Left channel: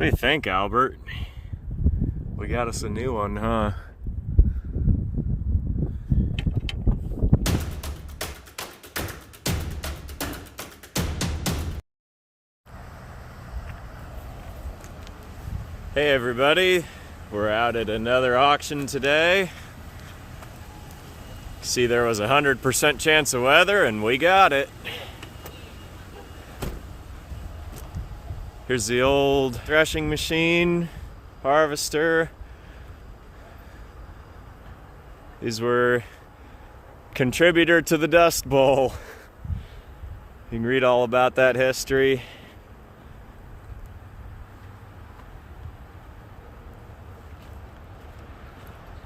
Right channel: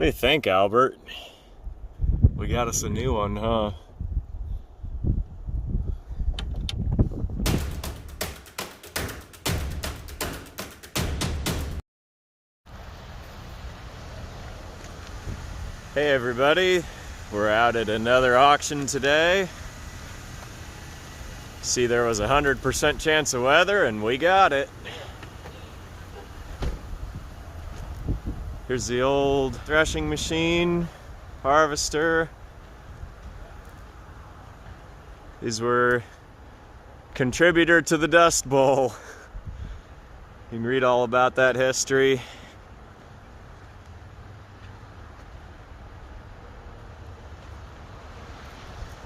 What do you think, Albert? We got us a new one, huh? Hey everybody, we're out at another auction today. See, there was a 100% chance of weather and we got it. Here's the old threshing machine, harvester. These were contributor to the Dust Bowl. You can read all about that history.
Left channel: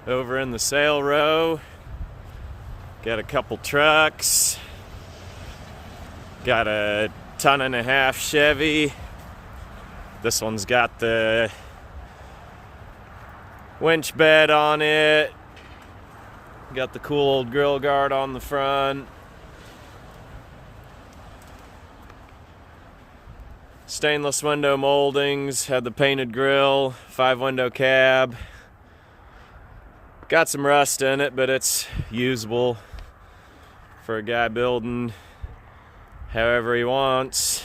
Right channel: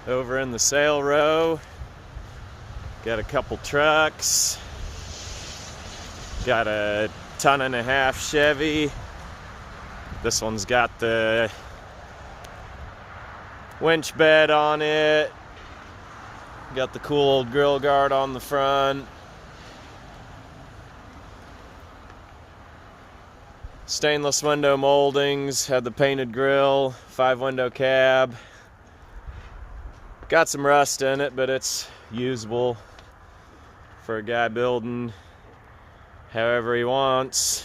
Over in the sale row, got a couple trucks. Got a 1.5-ton Chevy. This one's got the winch bed on it. Got the cool old grill guard on the front. Stainless window moldings, had the painted grill, 5-window cab. Got some rust in it, but it's usable for a guy building however he wants.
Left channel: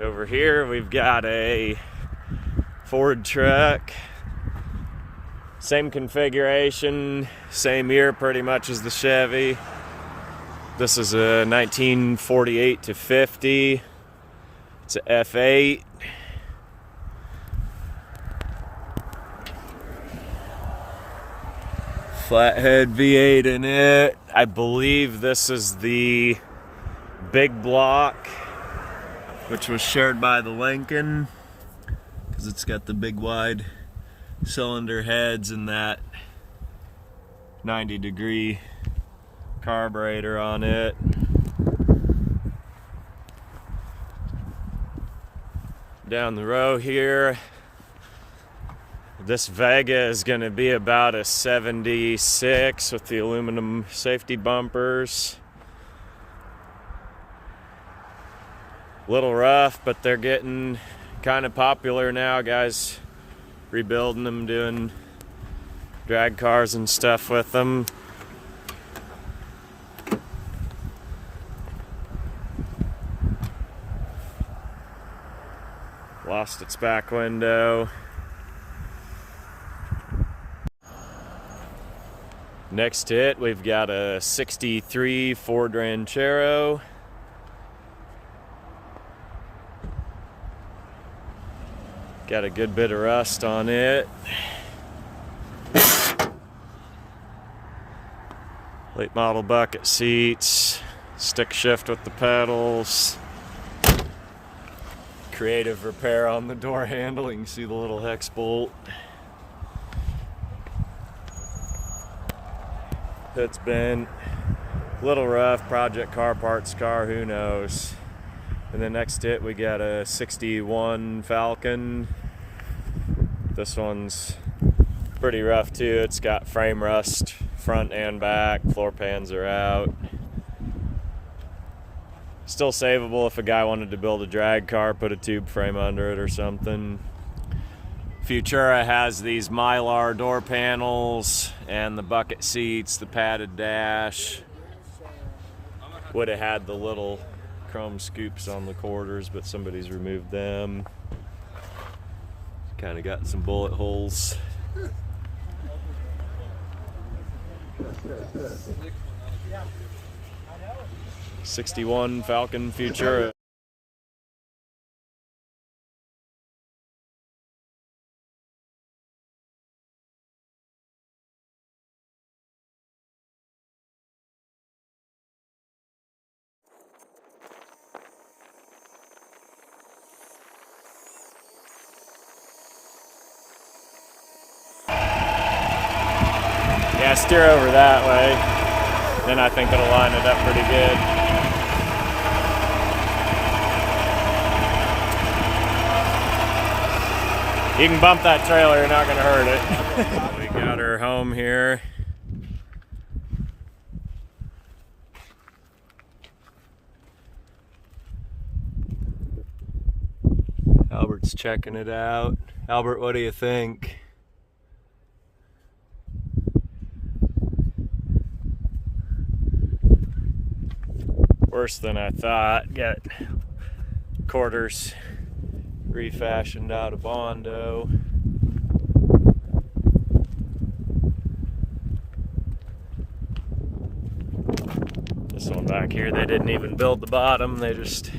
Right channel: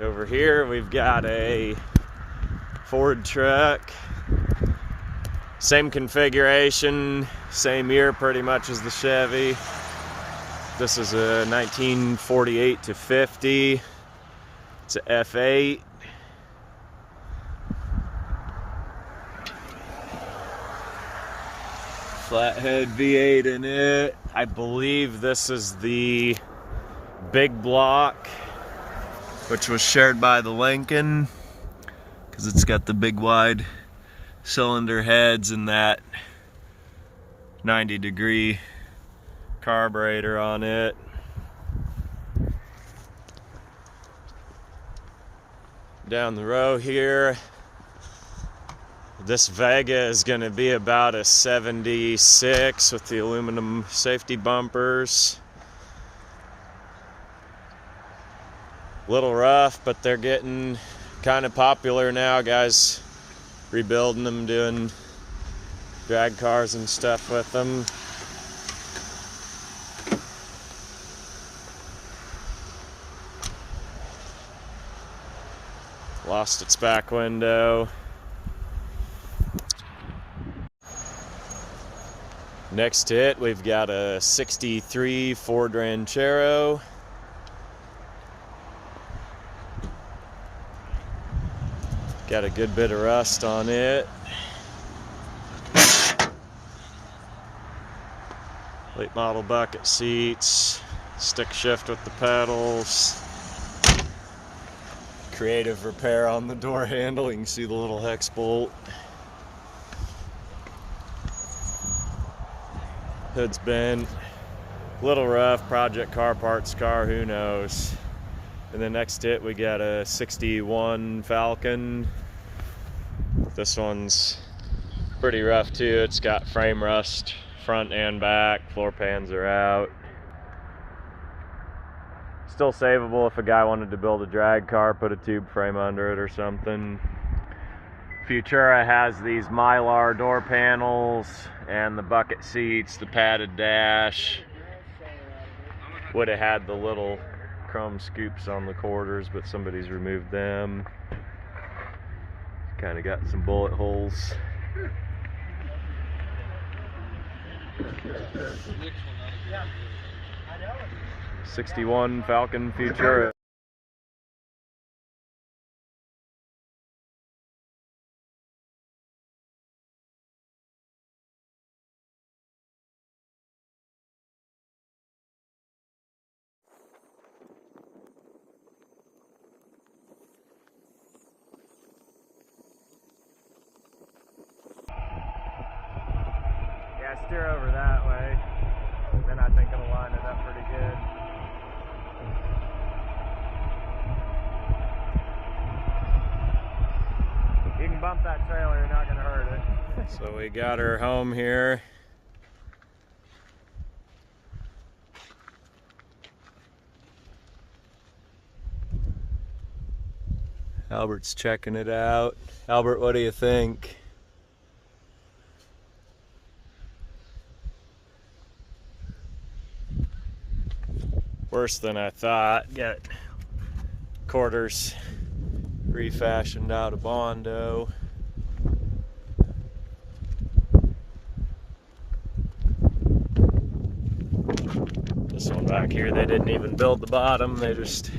Over here we've got a Ford truck. Same configuration, same year pretty much as the Chevy. This is a 1948 to 50. It's a F8. Flathead V8 in it. I believe this is the big block, which was shared by the Lincoln, because it's got the big wide cylinder heads and that 90-degree carburetor on it. Down the row here, this Vega is going to be about a 76 with the aluminum safety bumpers. Little rough, but they're getting kind of popular now. Guys rebuilding them, doing drag cars and stuff with them. Lost its back window. Next to it, we've got a 63 Ford Ranchero. Got a good bit of rust on it. Late model bucket seats, stick shift with the pedals. Creative repair on the door handle. You can see the little hex bolt. Hood's bent, little rough, project car, parts car, who knows. And then next to it we got a 61 Falcon. This one's pretty rough too. It's got frame rust front and back, floor pans are out. Still savable if a guy wanted to build a drag car, put a tube frame under it or something. Futura has these Mylar door panels and the bucket seats, the padded dash. Would have had the little chrome scoops on the quarters, but somebody's removed them. Kind of got some bullet holes. '61 Falcon Futura. Yeah, steer over that way. Then I think it'll line it up pretty good. You can bump that trailer, you're not gonna hurt it. So we got her home here. Albert's checking it out. Albert, what do you think? Worse than I thought. Got quarters refashioned out of Bondo. This one back here, they didn't even build the bottom, they just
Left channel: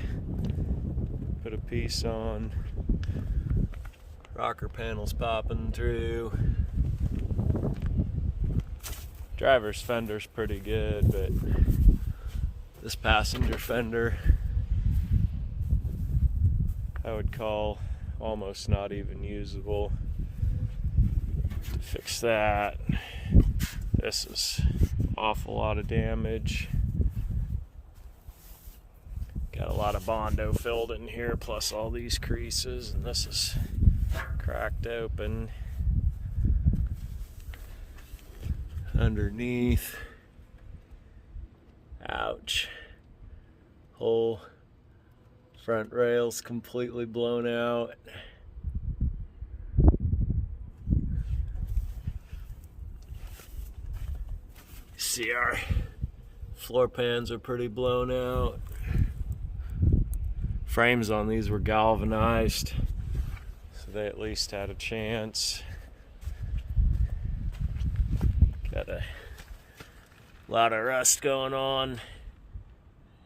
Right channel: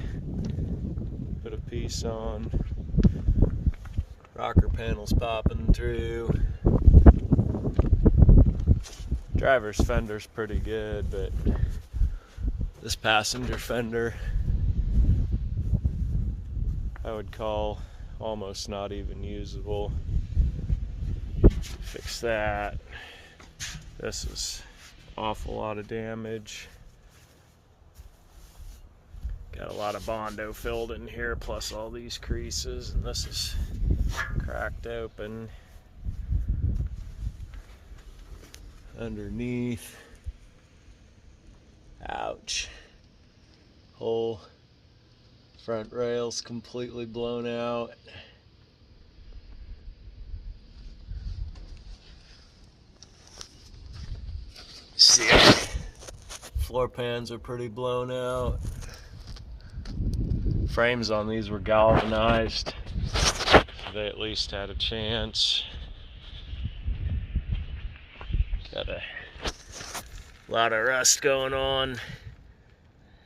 put a piece on. Rocker panels popping through. Driver's fender's pretty good, but this passenger fender I would call almost not even usable. Fix that. This is an awful lot of damage. Got a lot of Bondo filled in here, plus all these creases, and this is cracked open underneath. Ouch. Whole front rail's completely blown out. See, our floor pans are pretty blown out. Frames on these were galvanized, so they at least had a chance. Got a lot of rust going on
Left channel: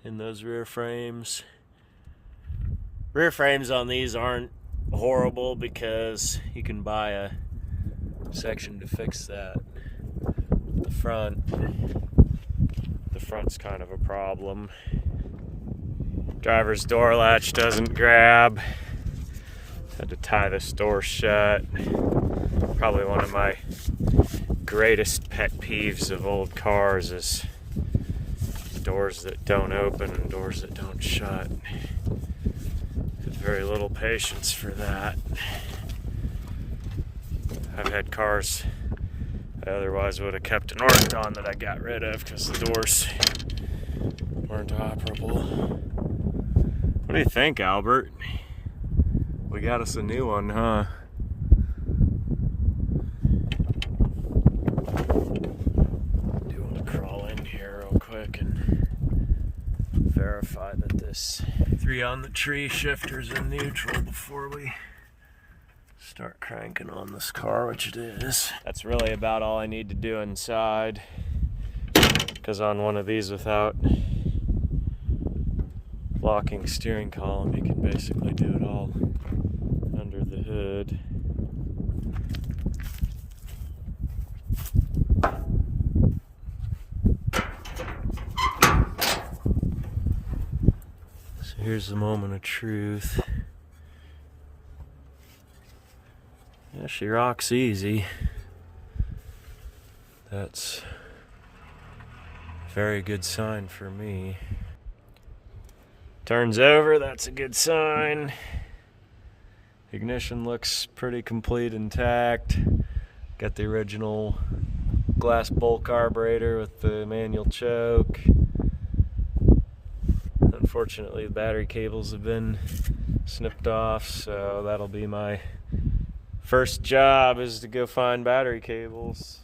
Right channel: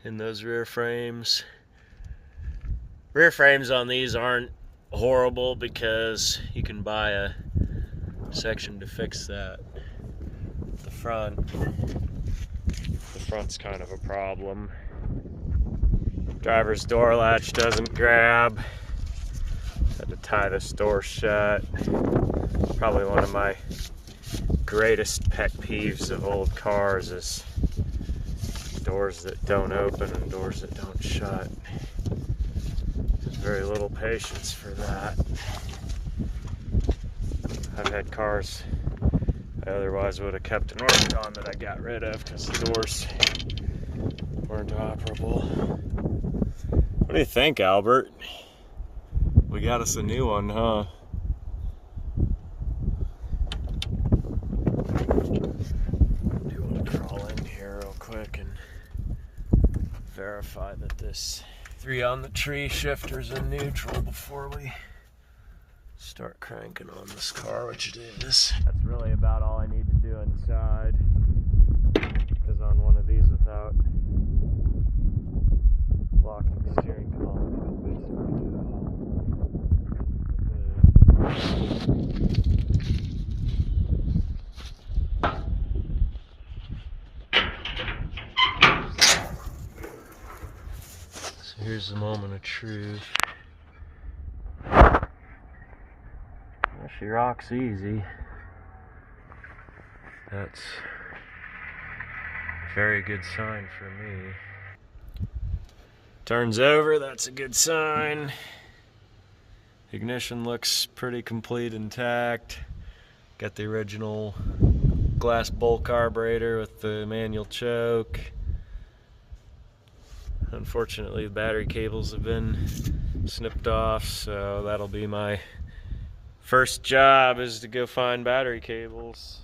in those rear frames. Rear frames on these aren't horrible because you can buy a section to fix that. The front's kind of a problem. Driver's door latch doesn't grab. Had to tie this door shut. Probably one of my greatest pet peeves of old cars is doors that don't open and doors that don't shut. Very little patience for that. I've had cars I otherwise would have kept and worked on that I got rid of because the doors weren't operable. What do you think, Albert? We got us a new one, huh? I do want to crawl in here real quick and verify that this 3 on the tree shifter's in neutral before we start cranking on this car, which it is. That's really about all I need to do inside, because on one of these without locking steering column, you can basically do it all under the hood. So here's the moment of truth. Yeah, she rocks easy. That's a very good sign for me. Turns over, that's a good sign. Ignition looks pretty complete, intact. Got the original glass bowl carburetor with the manual choke. Unfortunately, the battery cables have been snipped off, so that'll be my first job, is to go find battery cables.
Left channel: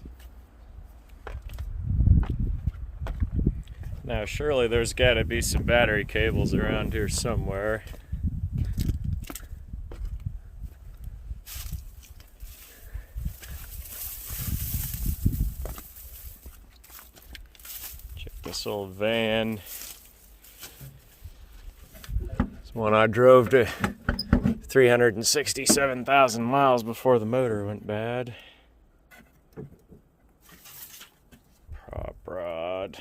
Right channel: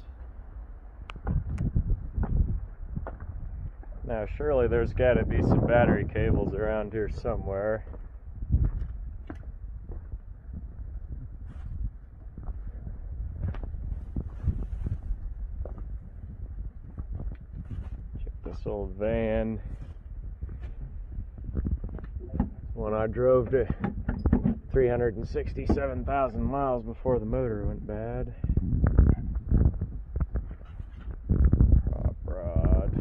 Now, surely there's got to be some battery cables around here somewhere. Check this old van. It's one I drove to 367,000 miles before the motor went bad. Prop rod.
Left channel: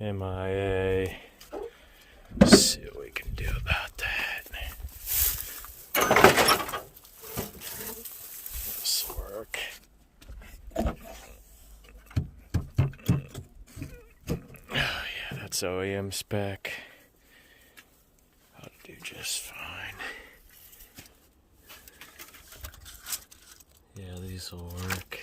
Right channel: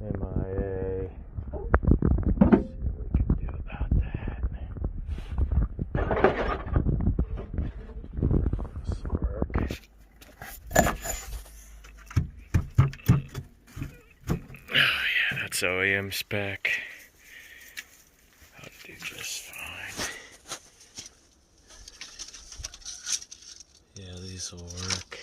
MIA. Let's see what we can do about that. This will work. Oh yeah, that's OEM spec. I'll do just fine. Yeah, these will work.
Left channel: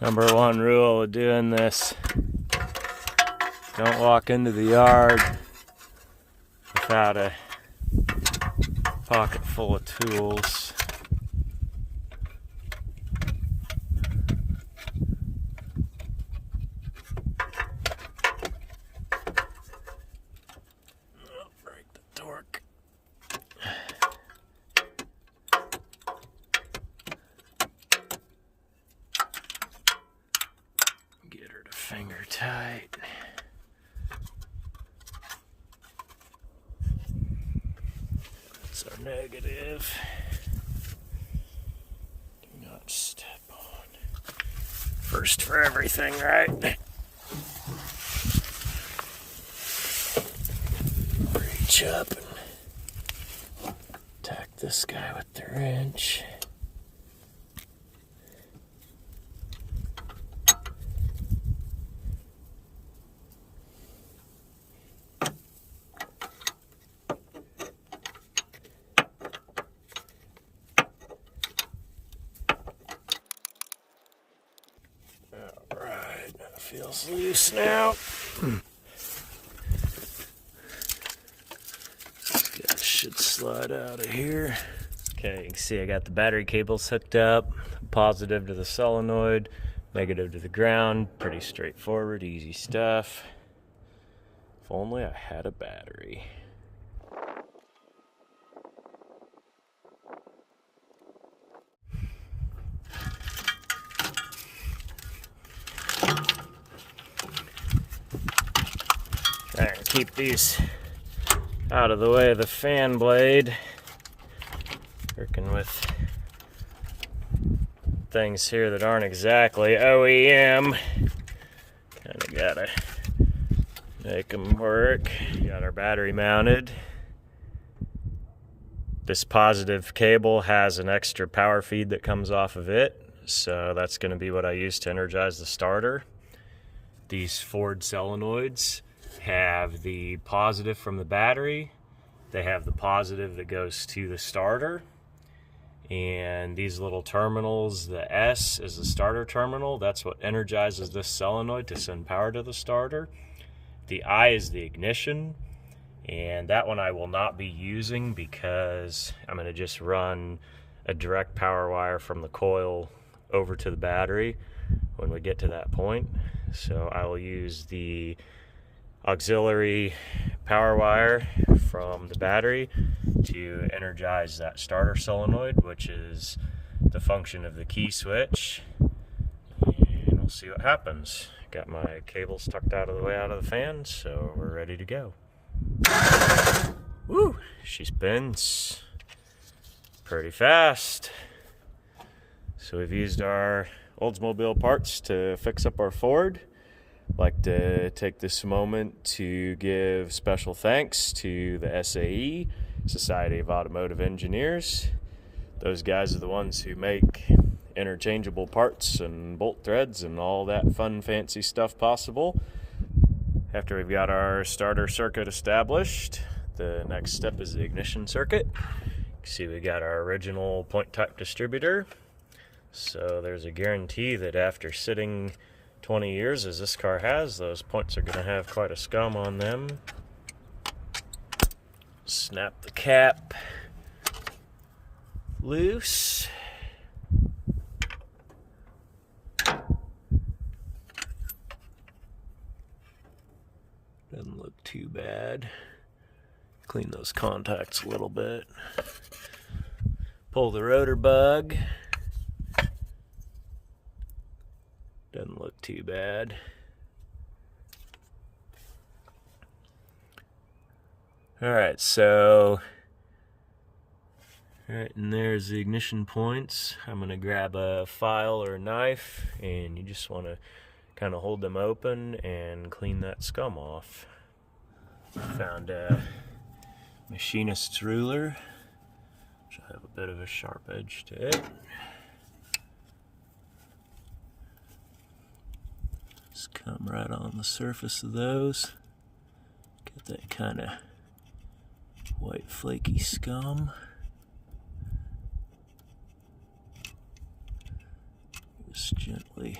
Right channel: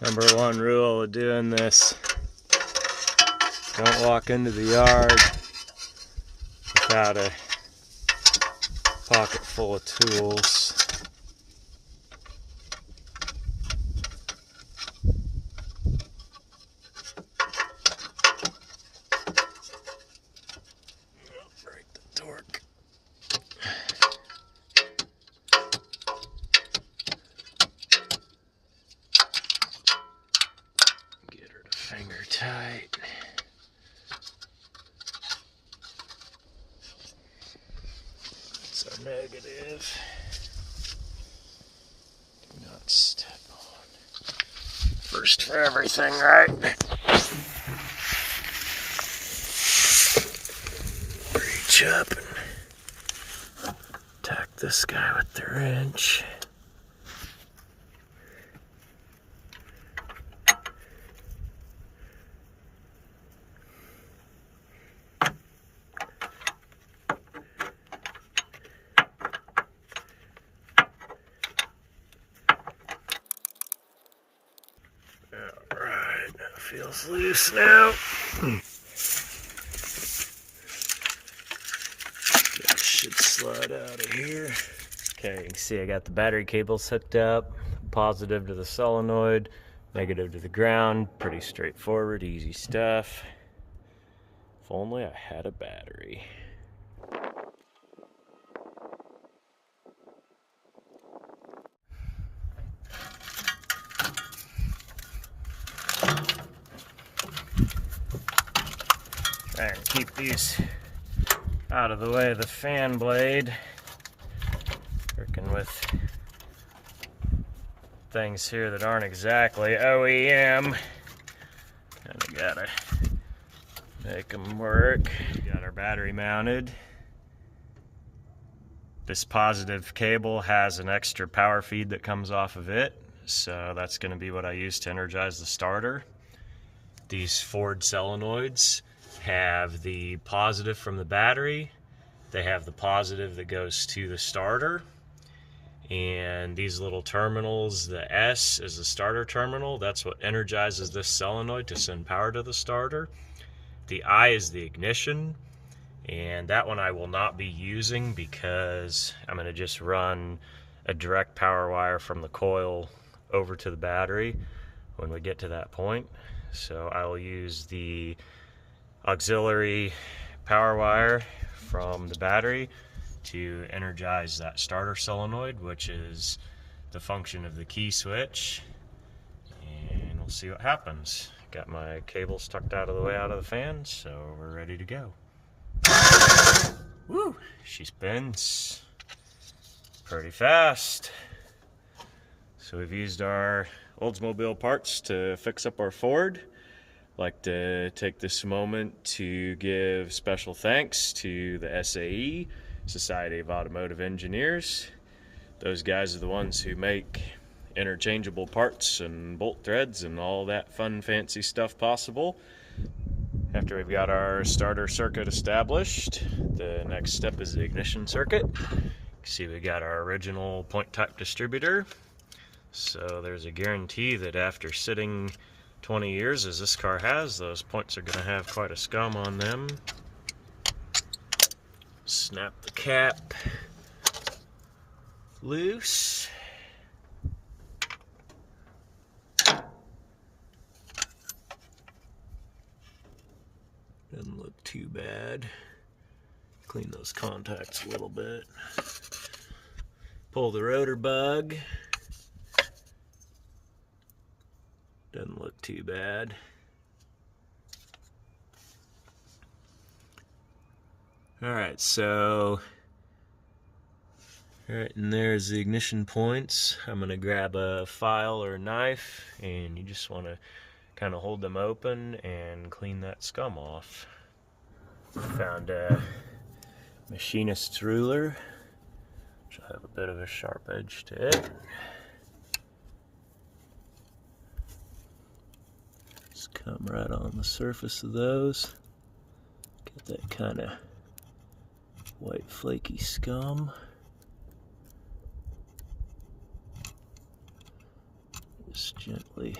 Number one rule of doing this Don't walk into the yard without a pocket full of tools. Break the torque. Get her to finger tight. That's our negative. Do not step on. First for everything, right? Reach up and attack this guy with the wrench. Alright, that feels loose now. That should slide out of here. Okay, you can see I got the battery cables hooked up. Positive to the solenoid, negative to the ground. Pretty straightforward, easy stuff. If only I had a battery. Try and keep these out of the way of the fan blade. Working with things here that aren't exactly OEM. Kinda gotta make them work. Got our battery mounted. This positive cable has an extra power feed that comes off of it, so that's gonna be what I use to energize the starter. These Ford solenoids have the positive from the battery, they have the positive that goes to the starter, and these little terminals, the S is the starter terminal, that's what energizes this solenoid to send power to the starter. The I is the ignition, and that one I will not be using because I'm going to just run a direct power wire from the coil over to the battery when we get to that point. So I will use the auxiliary power wire from the battery to energize that starter solenoid, which is the function of the key switch, and we'll see what happens. Got my cables tucked out of the way out of the fan, so we're ready to go. Woo! She spins pretty fast. So we've used our Oldsmobile parts to fix up our Ford. I'd like to take this moment to give special thanks to the SAE, Society of Automotive Engineers. Those guys are the ones who make interchangeable parts and bolt threads and all that fun fancy stuff possible. After we've got our starter circuit established, the next step is the ignition circuit. You can see we got our original point type distributor. So there's a guarantee that after sitting 20 years as this car has, those points are going to have quite a scum on them. Snap the cap loose. Doesn't look too bad. Clean those contacts a little bit. Pull the rotor bug. Doesn't look too bad. Alright, so right in there's the ignition points. I'm going to grab a file or a knife, and you just want to kind of hold them open and clean that scum off. Found a machinist's ruler, which I have a bit of a sharp edge to it. Just come right on the surface of those. Get that kind of white flaky scum. Just gently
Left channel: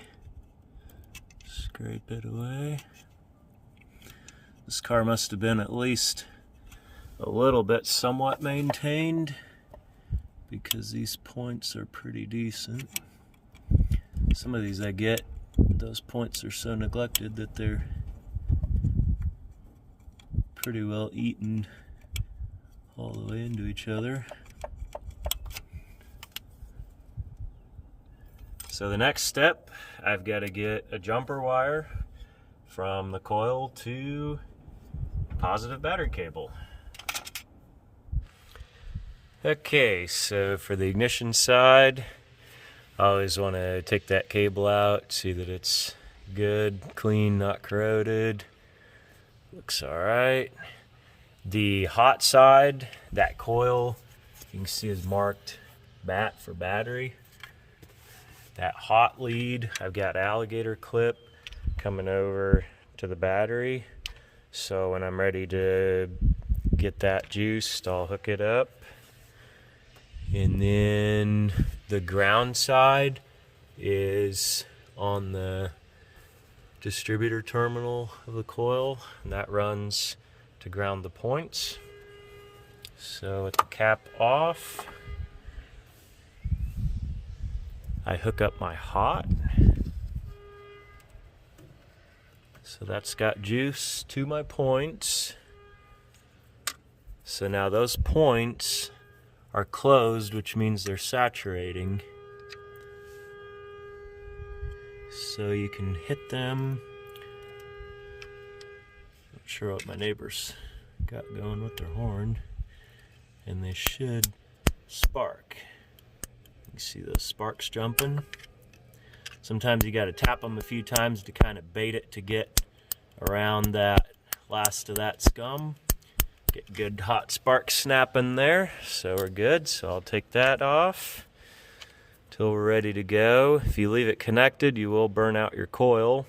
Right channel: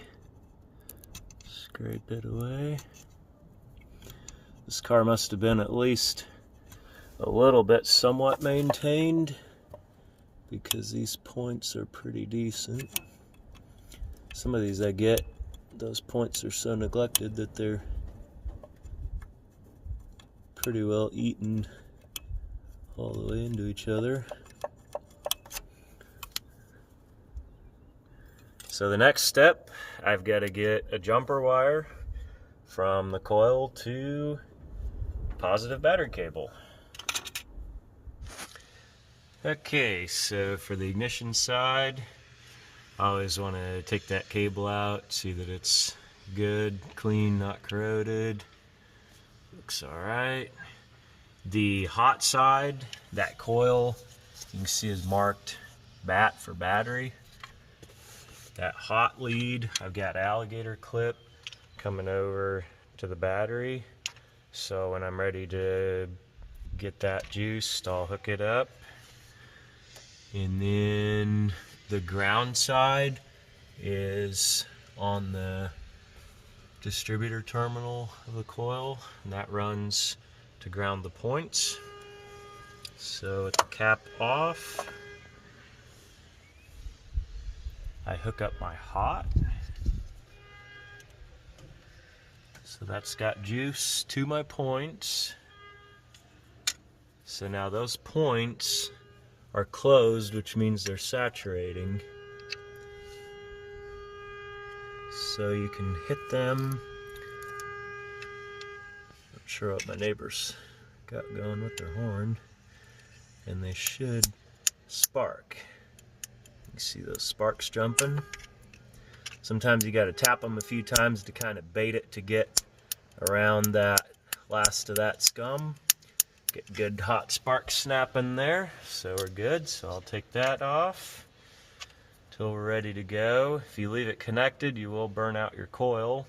scrape it away. This car must have been at least a little bit somewhat maintained, because these points are pretty decent. Some of these I get, those points are so neglected that they're pretty well eaten all the way into each other. So the next step, I've got to get a jumper wire from the coil to positive battery cable. Okay, so for the ignition side, I always want to take that cable out, see that it's good, clean, not corroded. Looks alright. The hot side, that coil, you can see is marked BAT for battery. That hot lead, I've got alligator clip coming over to the battery. So when I'm ready to get that juiced, I'll hook it up. And then the ground side is on the distributor terminal of the coil, and that runs to ground the points. So with the cap off, I hook up my hot. So that's got juice to my points. So now those points are closed, which means they're saturating. So you can hit them. Not sure what my neighbors got going with their horn, and they should spark. You see those sparks jumping? Sometimes you got to tap them a few times to kind of bait it to get around that last of that scum. Get good hot sparks snapping there, so we're good. So I'll take that off till we're ready to go. If you leave it connected, you will burn out your coil.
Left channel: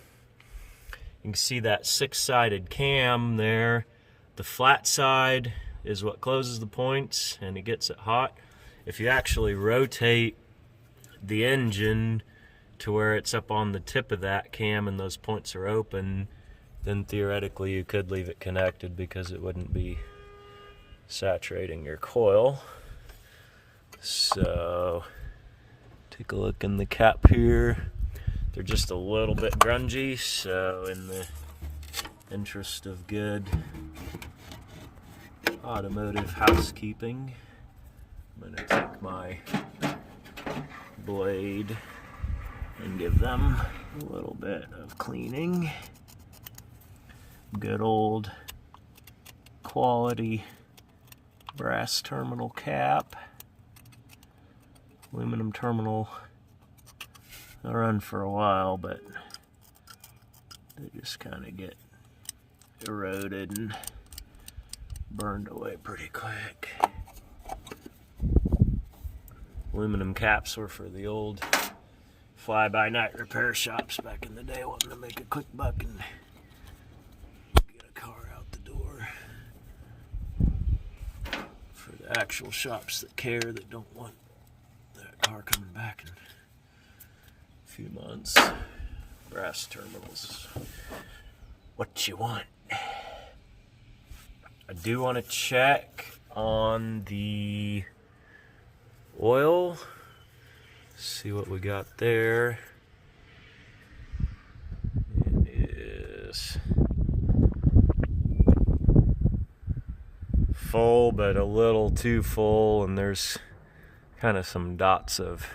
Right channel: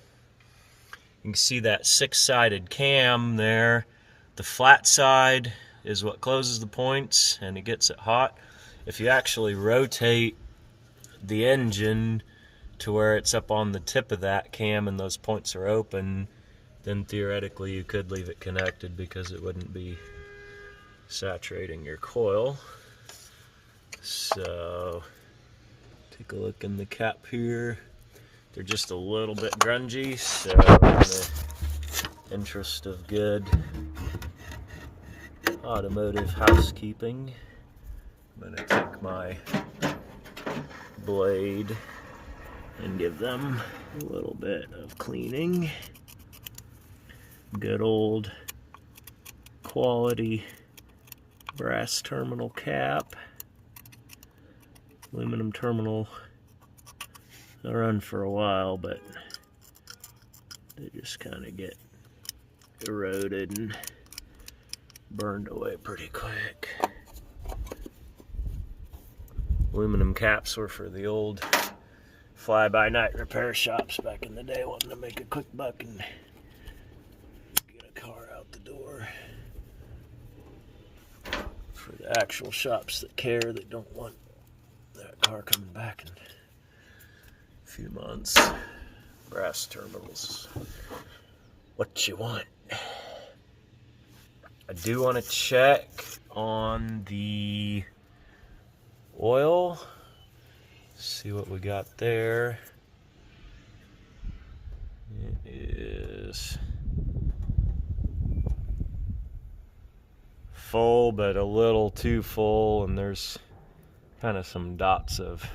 You can see that 6-sided cam there. The flat side is what closes the points and it gets it hot. If you actually rotate the engine to where it's up on the tip of that cam and those points are open, then theoretically you could leave it connected because it wouldn't be saturating your coil. So take a look in the cap here. They're just a little bit grungy, so in the interest of good automotive housekeeping, I'm going to take my blade and give them a little bit of cleaning. Good old quality brass terminal cap. Aluminum terminal, they'll run for a while, but they just kind of get eroded and burned away pretty quick. Aluminum caps were for the old fly-by-night repair shops back in the day, wanting to make a quick buck and get a car out the door. For the actual shops that care, that don't want that car coming back in a few months, brass terminals, what you want. I do want to check on the oil, see what we got there. It is full, but a little too full, and there's kind of some dots of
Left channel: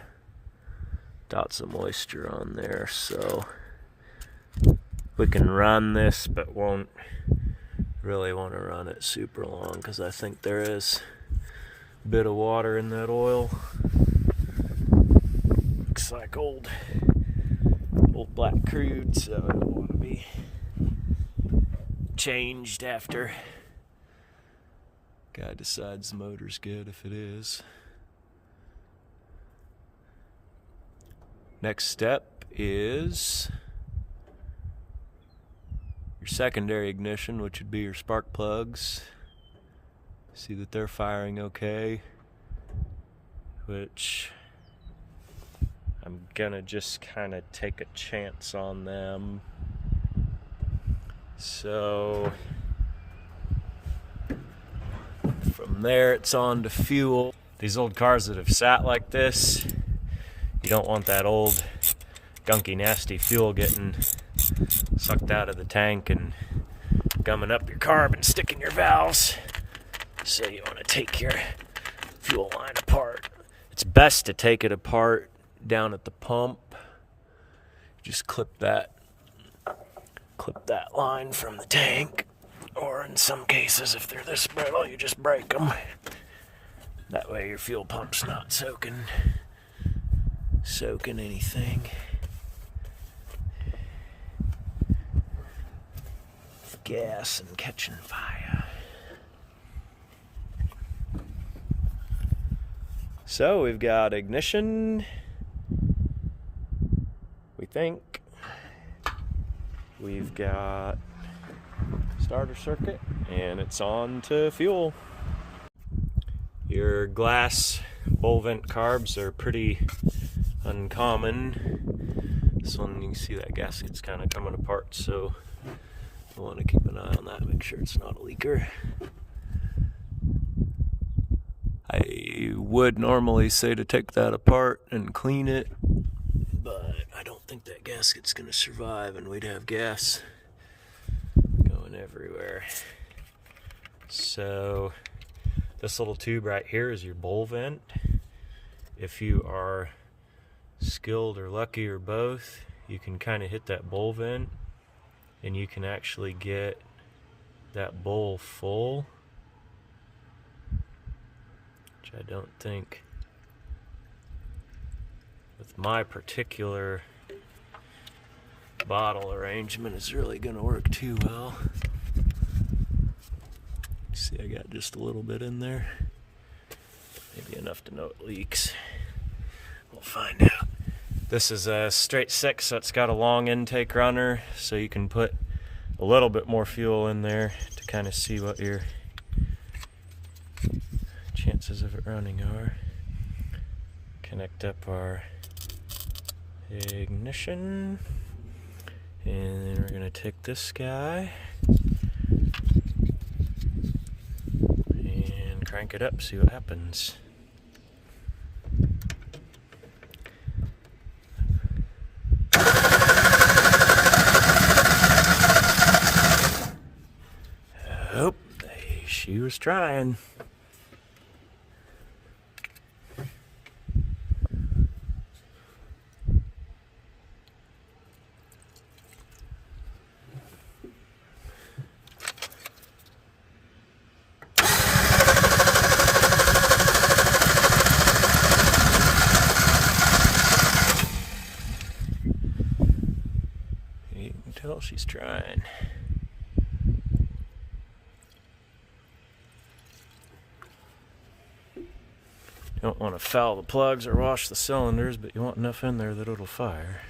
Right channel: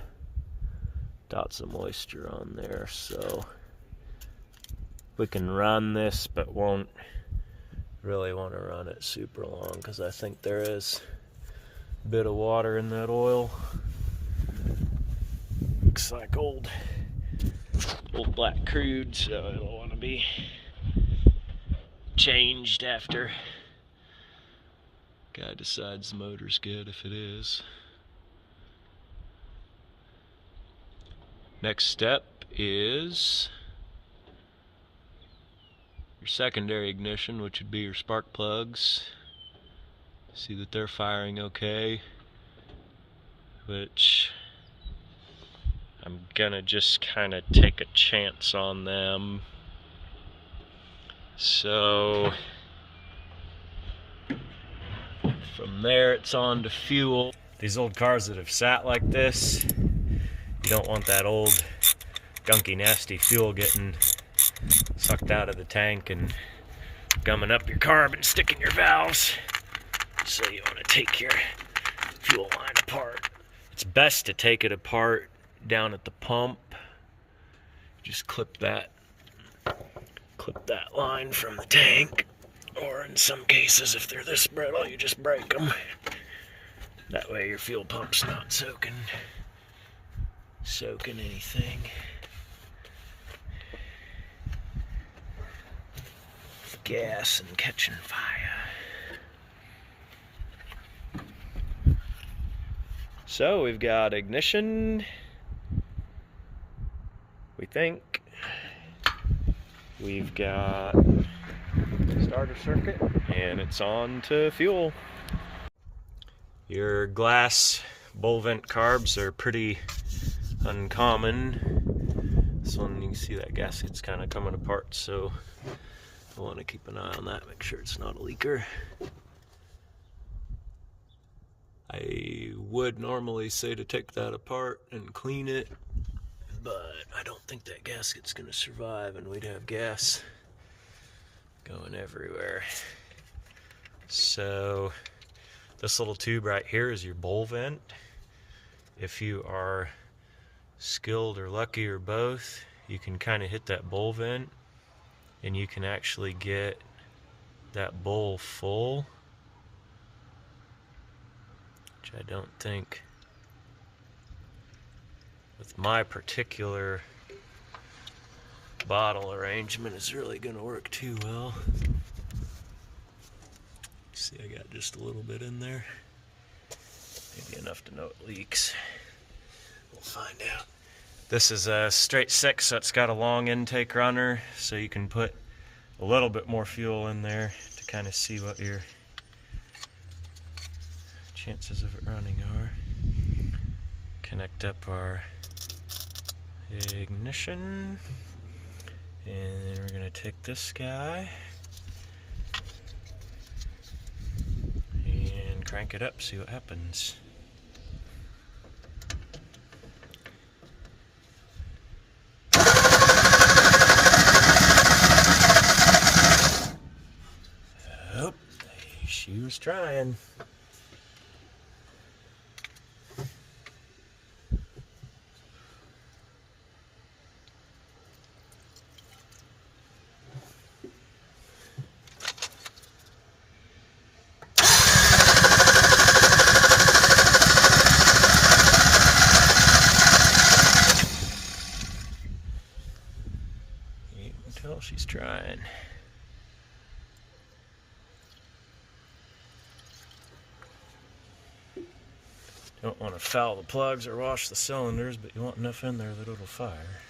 moisture on there, so we can run this, but won't really want to run it super long because I think there is a bit of water in that oil. Looks like old black crude, so it'll want to be changed after guy decides the motor's good, if it is. Next step is your secondary ignition, which would be your spark plugs. See that they're firing okay, which I'm gonna just kind of take a chance on them. So From there, it's on to fuel. These old cars that have sat like this, you don't want that old, gunky, nasty fuel getting sucked out of the tank and gumming up your carb and sticking your valves. So you want to take your fuel line apart. It's best to take it apart down at the pump. Just clip that line from the tank, or in some cases, if they're this brittle, you just break them. That way your fuel pump's not soaking anything. Gas and catching fire. So we've got ignition, we think. We've got starter circuit, and it's on to fuel. Your glass bowl vent carbs are pretty uncommon. This one, you can see that gasket's kind of coming apart, so I want to keep an eye on that, make sure it's not a leaker. I would normally say to take that apart and clean it, but I don't think that gasket's going to survive, and we'd have gas going everywhere. So this little tube right here is your bowl vent. If you are skilled or lucky or both, you can kind of hit that bowl vent and you can actually get that bowl full, which I don't think with my particular bottle arrangement is really going to work too well. See, I got just a little bit in there, maybe enough to know it leaks. We'll find out. This is a straight 6, so it's got a long intake runner, so you can put a little bit more fuel in there to kind of see what your chances of it running are. Connect up our ignition, and then we're going to take this guy and crank it up, see what happens. Oh, she was trying. You can tell she's trying. You don't want to foul the plugs or wash the cylinders, but you want enough in there that it'll fire.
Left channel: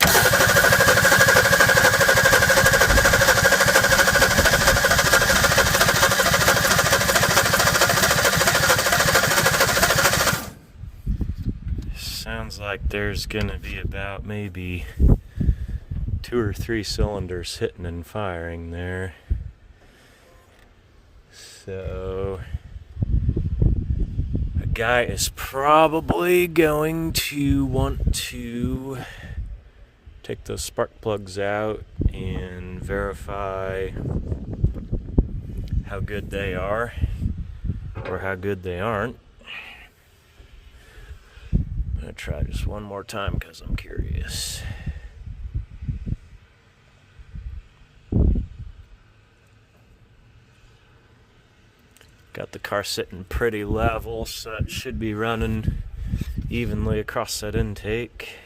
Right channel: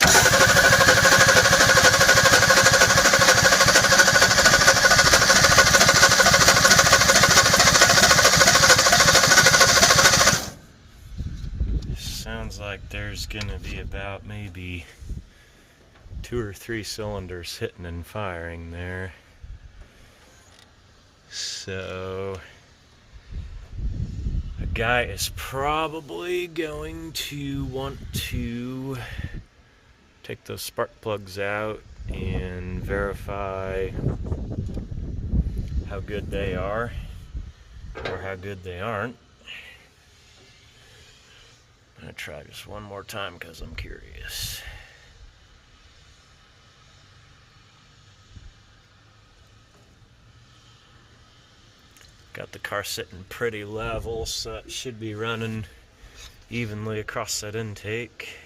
Sounds like there's gonna be about maybe 2 or 3 cylinders hitting and firing there. So guy is probably going to want to take those spark plugs out and verify how good they are or how good they aren't. I'm going to try just one more time because I'm curious. Got the car sitting pretty level, so it should be running evenly across that intake.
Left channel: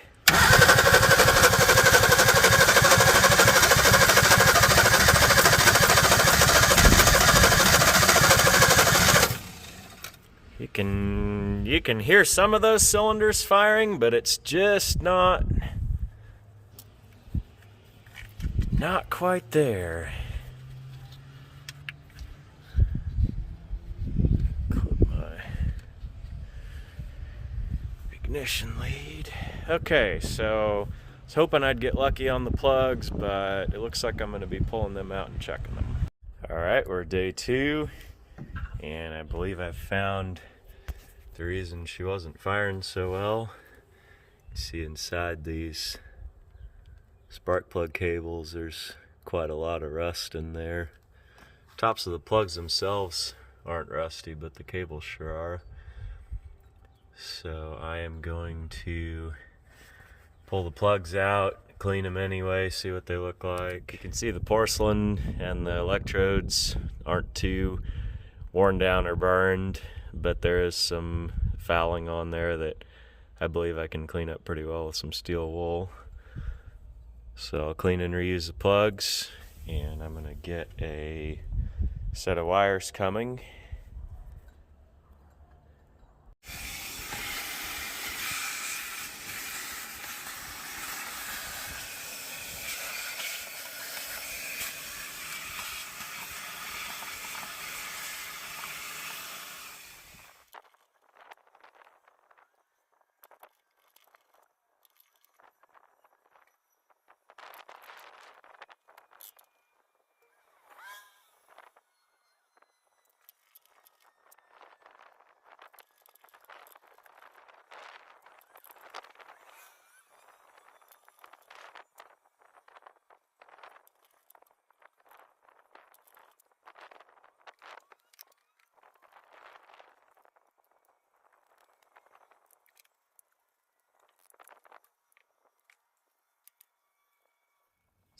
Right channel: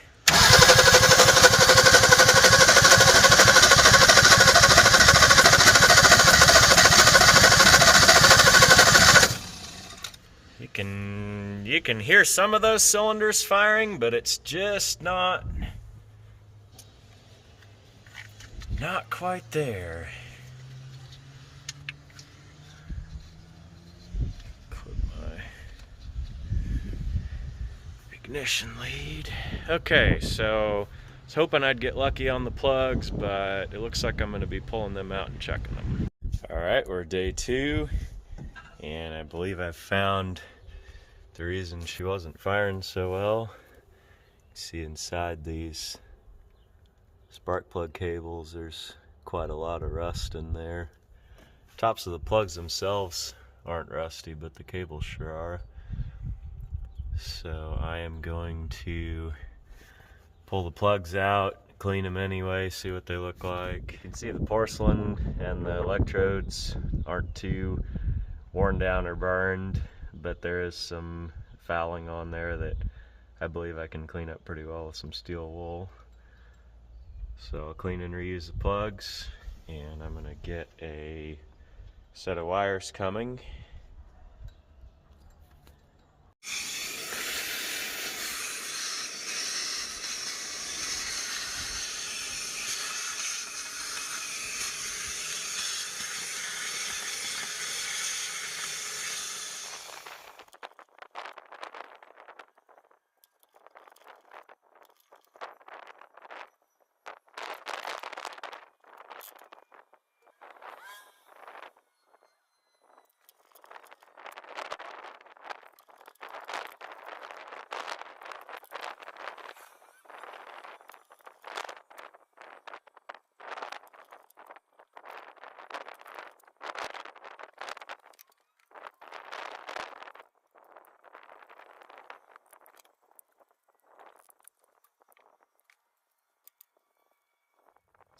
You can hear some of those cylinders firing, but it's just not quite there. Ignition lead. Okay, so I was hoping I'd get lucky on the plugs, but it looks like I'm going to be pulling them out and checking them. Alright, we're day 2. And I believe I found the reason she wasn't firing so well. You see inside these spark plug cables, there's quite a lot of rust in there. Tops of the plugs themselves aren't rusty, but the cables sure are. So I am going to pull the plugs out, clean them anyway, see what they look like. You can see the porcelain and the electrodes aren't too worn down or burned, but there is some fouling on there that I believe I can clean up pretty well with some steel wool. So I'll clean and reuse the plugs, and I'm gonna get a set of wires coming.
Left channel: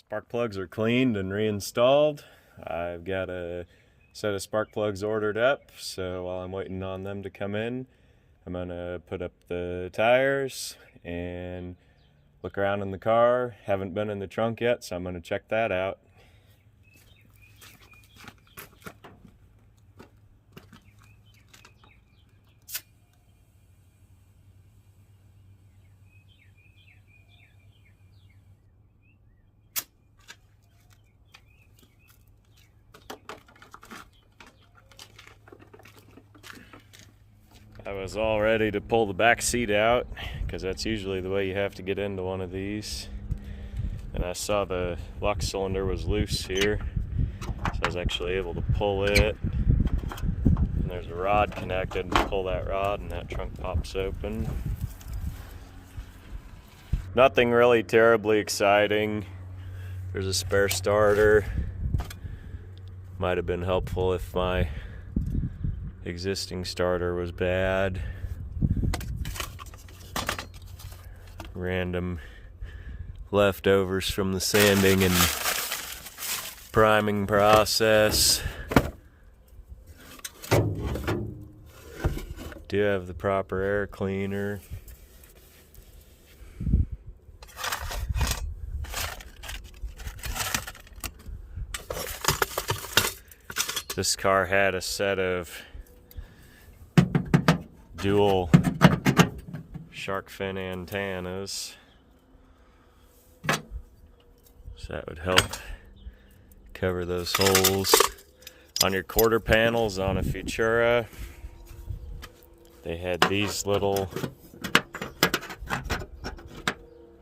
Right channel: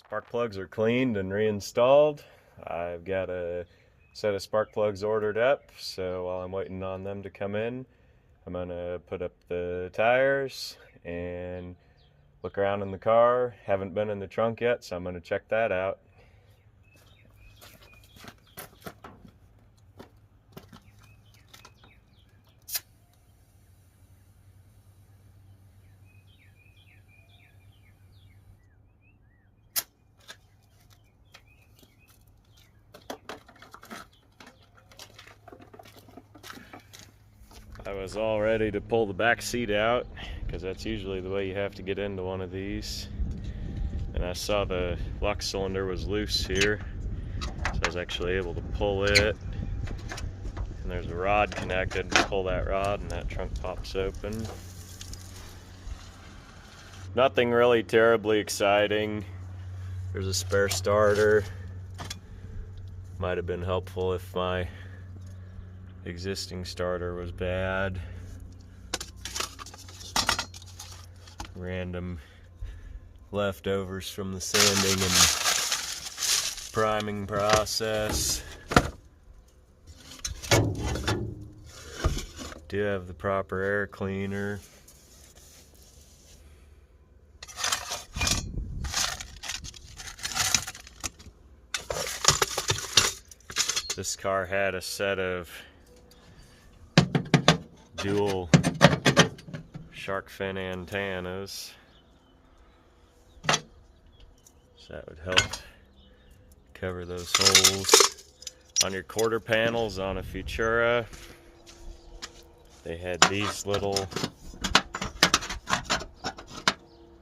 Spark plugs are cleaned and reinstalled. I've got a set of spark plugs ordered up, so while I'm waiting on them to come in, I'm gonna put up the tires and look around in the car. Haven't been in the trunk yet, so I'm gonna check that out. I was all ready to pull the back seat out, because that's usually the way you have to get into one of these. And I saw the lock cylinder was loose here, so I was actually able to pull it. And there's a rod connected, and pull that rod and that trunk pops open. Nothing really terribly exciting. There's a spare starter. Might have been helpful if my existing starter was bad. Random leftovers from the sanding and priming process. Do have the proper air cleaner. This car had a set of dual shark fin antennas, so that would help cover those holes. On your quarter panels on a Futura, they had these little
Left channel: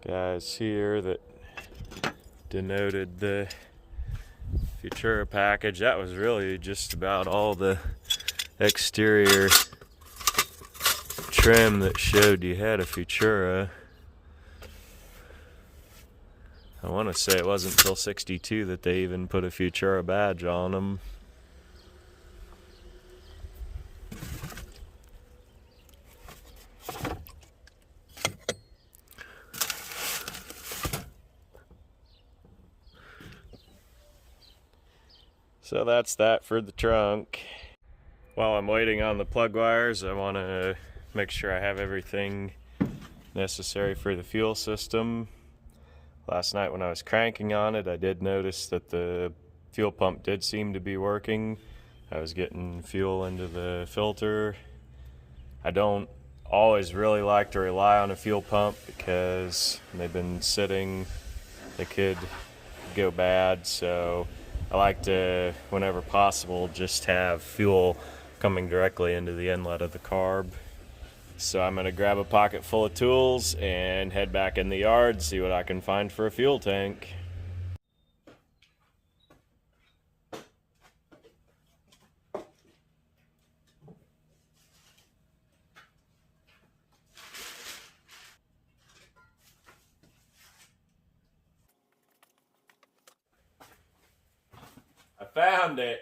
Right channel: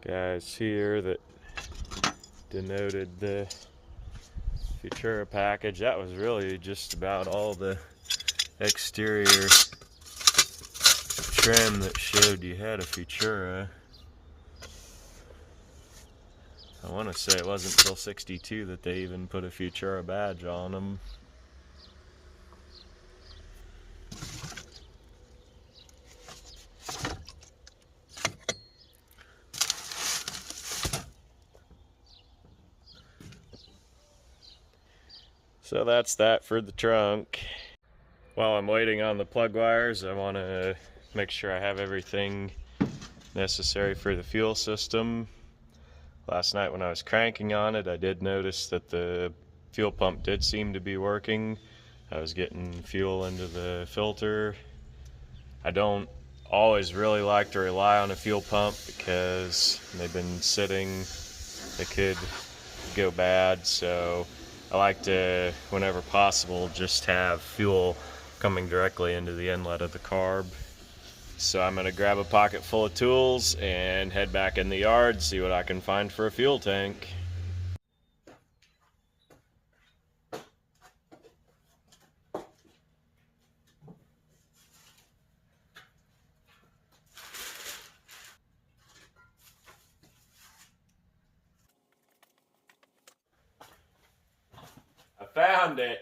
guys here that denoted the Futura package. That was really just about all the exterior trim that showed you had a Futura. I want to say it wasn't until '62 that they even put a Futura badge on them. So that's that for the trunk. While I'm waiting on the plug wires, I want to make sure I have everything necessary for the fuel system. Last night when I was cranking on it, I did notice that the fuel pump did seem to be working. I was getting fuel into the filter. I don't always really like to rely on a fuel pump because they've been sitting, they could go bad, so I like to, whenever possible, just have fuel coming directly into the inlet of the carb. So I'm gonna grab a pocket full of tools and head back in the yard, see what I can find for a fuel tank. found it.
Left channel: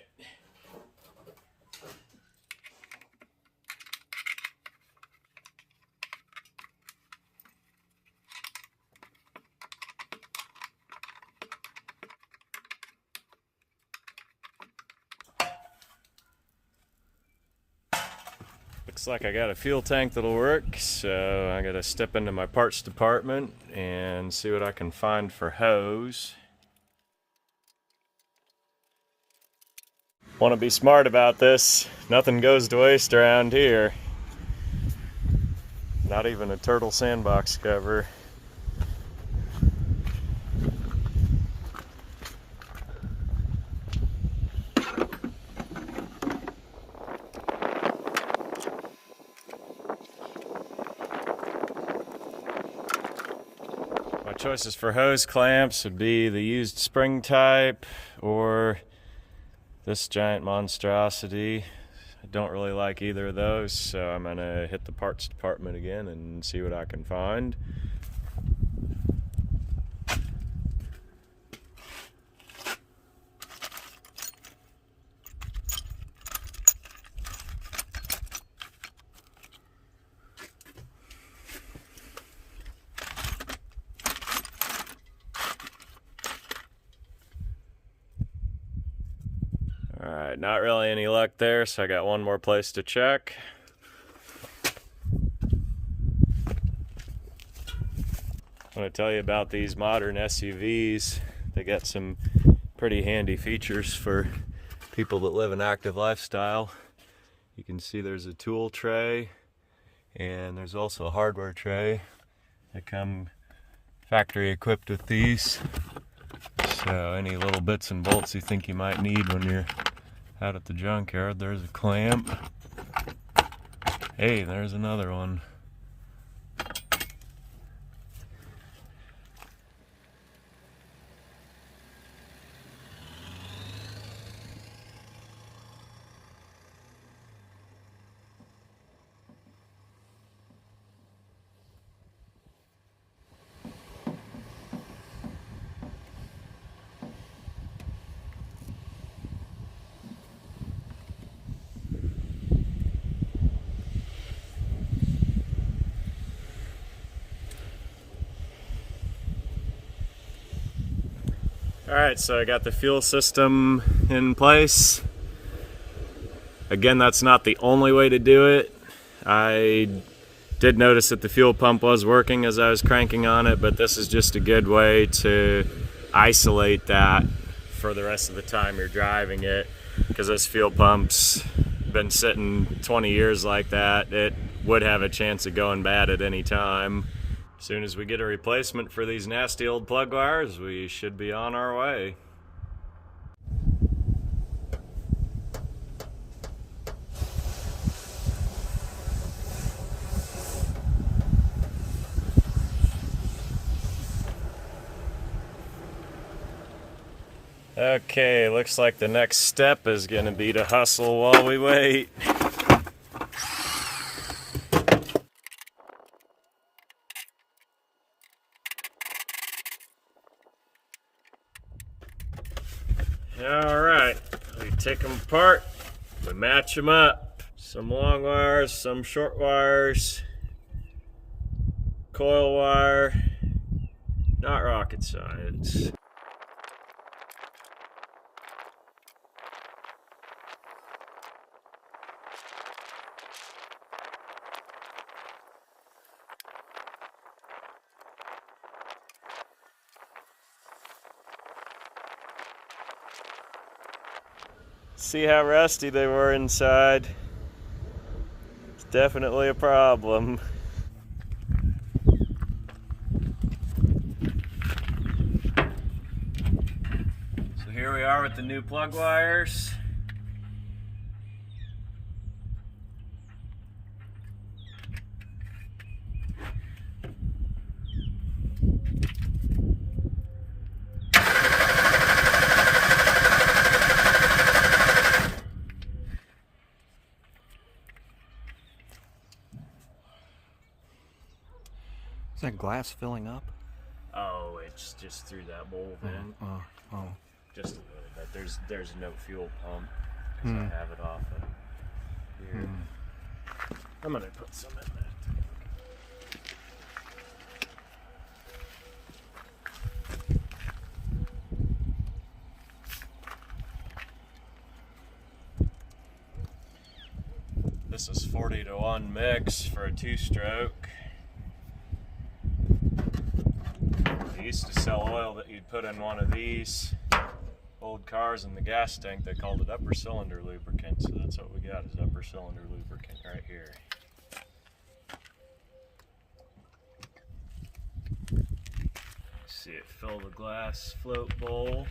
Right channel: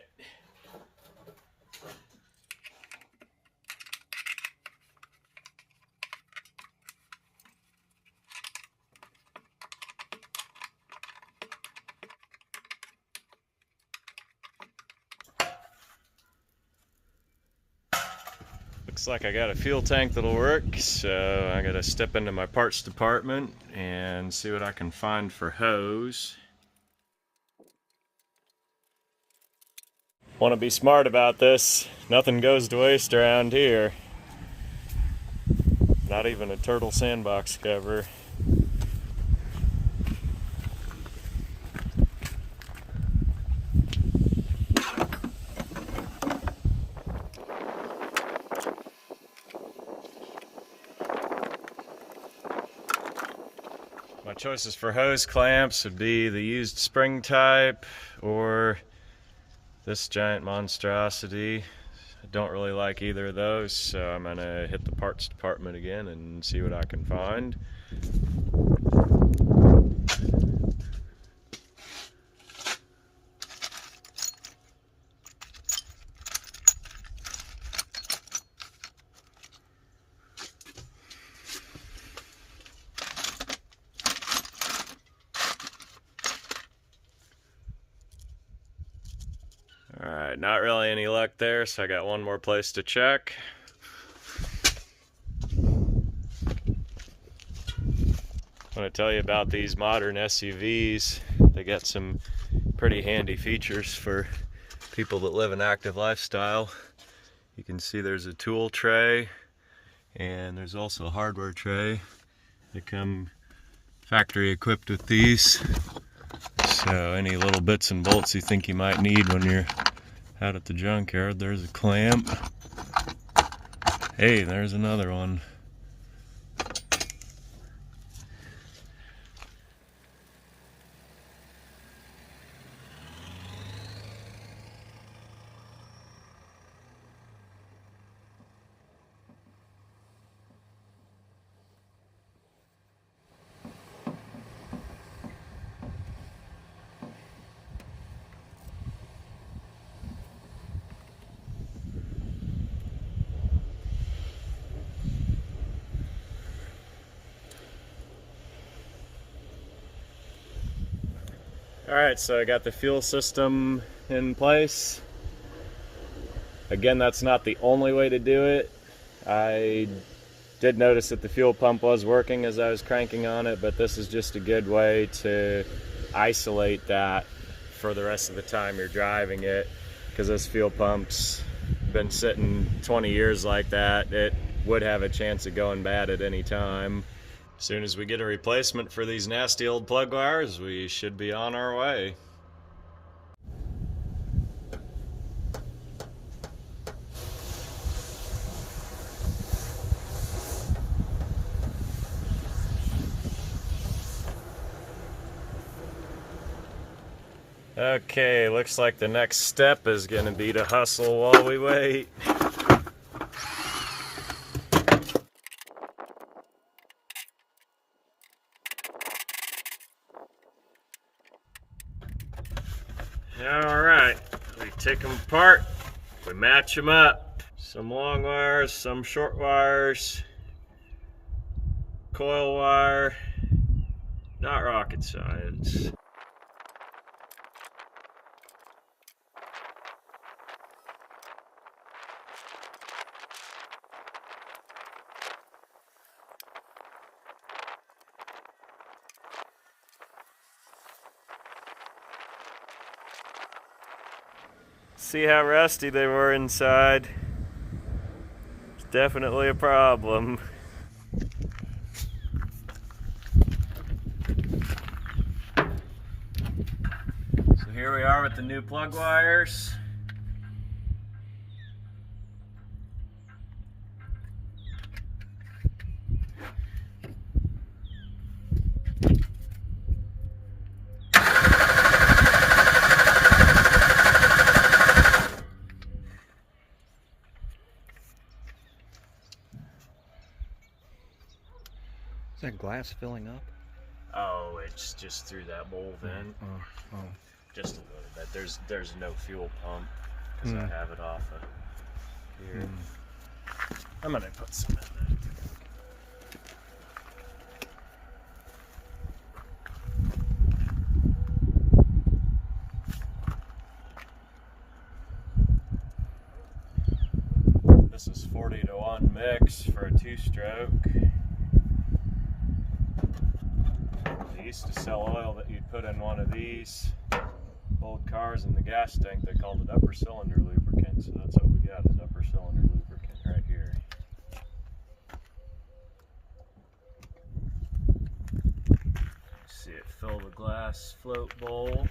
Looks like I got a fuel tank that'll work, so I gotta step into my parts department and see what I can find for hose. Want to be smart about this. Nothing goes to waste around here. Not even a turtle sandbox cover. My choices for hose clamps would be the used spring type or this giant monstrosity. I don't really like either of those, so I'm gonna hit the parts department again and see what I can find. Alright, not really any luck there, so I got one more place to check. I want to tell you about these modern SUVs. They got some pretty handy features for people that live an active lifestyle. You can see there's a tool tray, and there's also a hardware tray. They come factory equipped with these. So any little bits and bolts you think you might need when you're out at the junkyard, there's a clamp. Hey, there's another one. Alright, so I got the fuel system in place. Again, that's not the only way to do it. I did notice that the fuel pump was working as I was cranking on it, but this is just a good way to isolate that for the rest of the time you're driving it, because this fuel pump's been sitting 20 years like that. It would have a chance of going bad at any time. As soon as we get a replacement for these nasty old plug wires, we should be on our way. Okay, looks like the next step is going to be to hustle while we wait. Alright, we take them apart, we match them up. Some long wires, some short wires, coil wire, not rocket science. See how rusty they were inside. It's definitely a problem. So here we are with the new plug wires. Is that glass filling up? Oh, it's just through that bowl vent. Oh. just a little bit. There's no fuel pump because I have it off of here. I'm gonna put some in there. This is 40-to-1 mix for a 2-stroke. They used to sell oil that you'd put in one of these old cars in the gas tank. They called it upper cylinder lubricant, so that's what we got, is upper cylinder lubricant right here. See it fill the glass float bowl.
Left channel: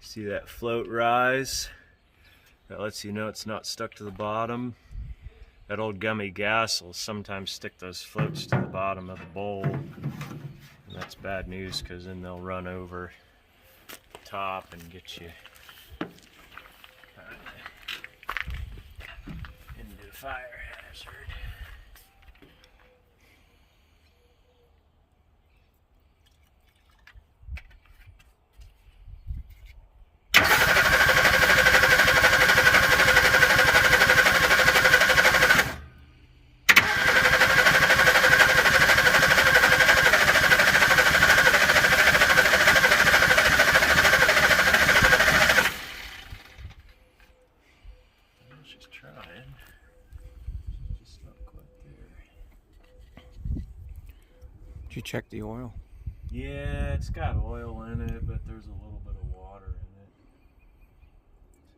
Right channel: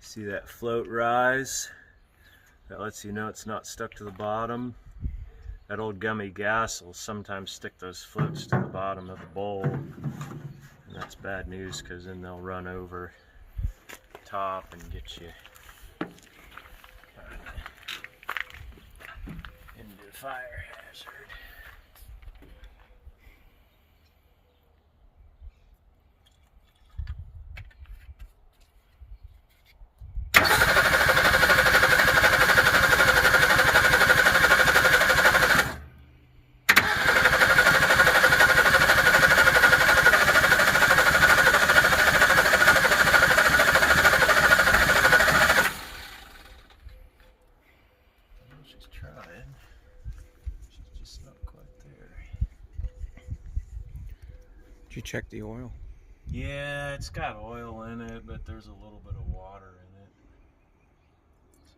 See that float rise? That lets you know it's not stuck to the bottom. That old gummy gas will sometimes stick those floats to the bottom of the bowl. And that's bad news, because then they'll run over top and get you into a fire hazard. She's trying. She's just not quite there. Did you check the oil? Yeah, it's got oil in it, but there's a little bit of water in it.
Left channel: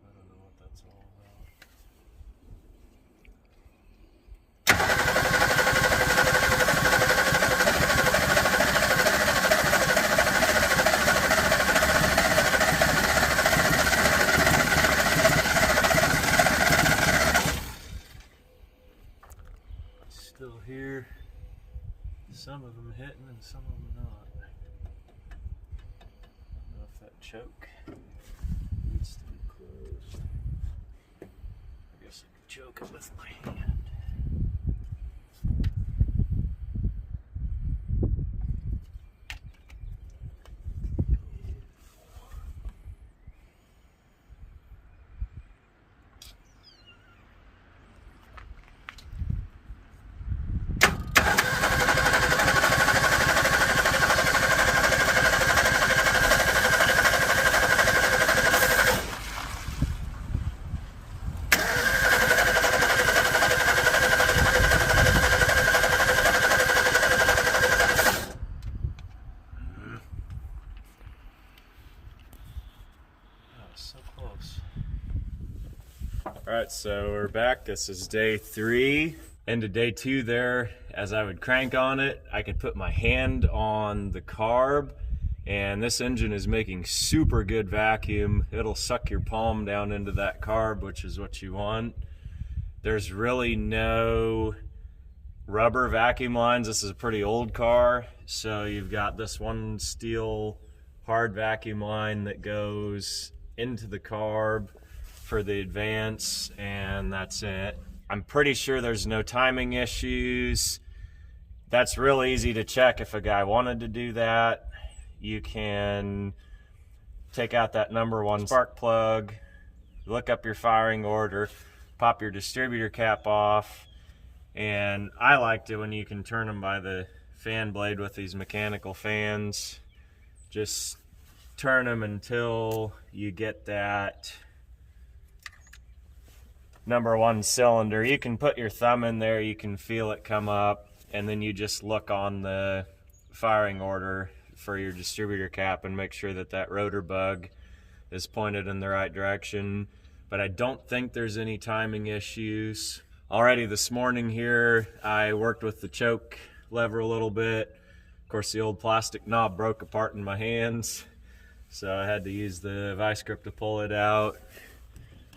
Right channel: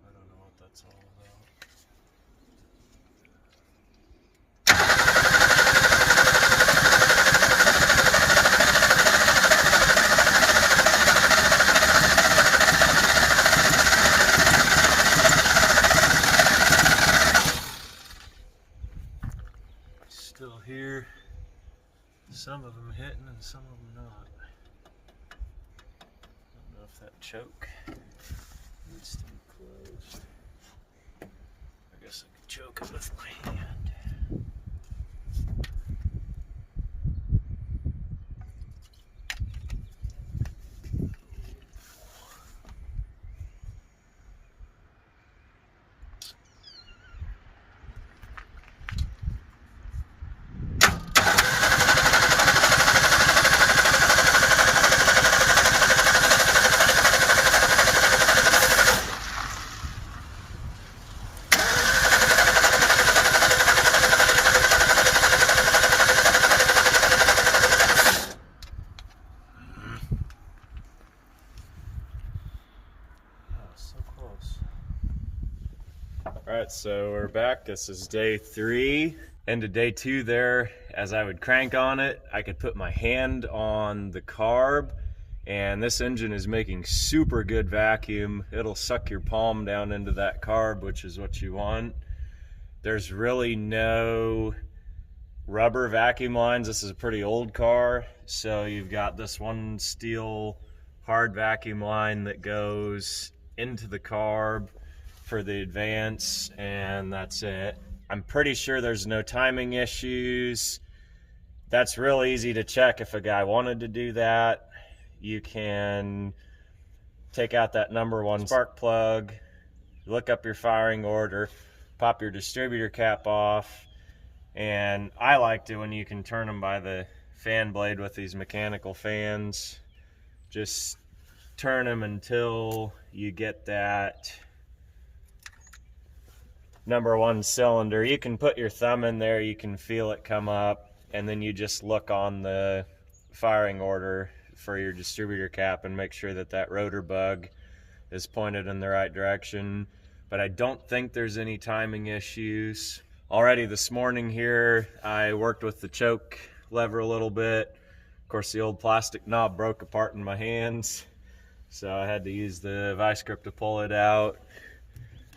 So I don't know what that's all about. Still here. Some of them hitting and some of them not. I don't know if that choke needs to be closed. I guess I could choke it with my hand. So close. Alright, so we're back. This is day 3. Into day 2 there, as I would crank on it, I could put my hand on the carb, and this engine is making super good vacuum. It'll suck your palm down into that carb, which is what you want. There's really no rubber vacuum lines. This is a pretty old car, so you've got this one steel hard vacuum line that goes into the carb for the advance, and that's it. I'm pretty sure there's no timing issues. That's real easy to check if a guy wanted to do that. You can take out that number 1 spark plug, look up your firing order, pop your distributor cap off, and I liked it when you can turn them by the fan blade with these mechanical fans. Just turn them until you get that number 1 cylinder. You can put your thumb in there, you can feel it come up, and then you just look on the firing order for your distributor cap and make sure that that rotor bug is pointed in the right direction. But I don't think there's any timing issues. Already this morning here, I worked with the choke lever a little bit. Of course, the old plastic knob broke apart in my hands, so I had to use the vice grip to pull it out.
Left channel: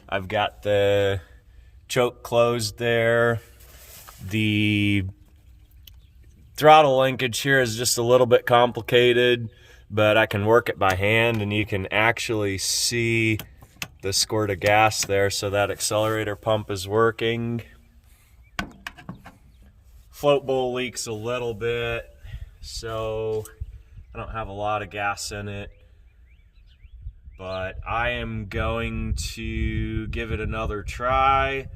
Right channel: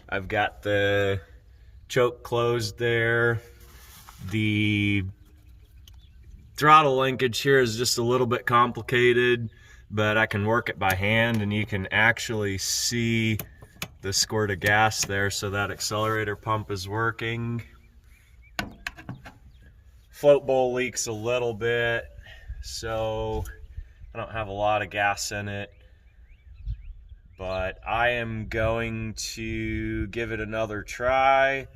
I've got the choke closed there. The throttle linkage here is just a little bit complicated, but I can work it by hand, and you can actually see the squirt of gas there, so that accelerator pump is working. float bowl leaks a little bit, so I don't have a lot of gas in it. But I am going to give it another try.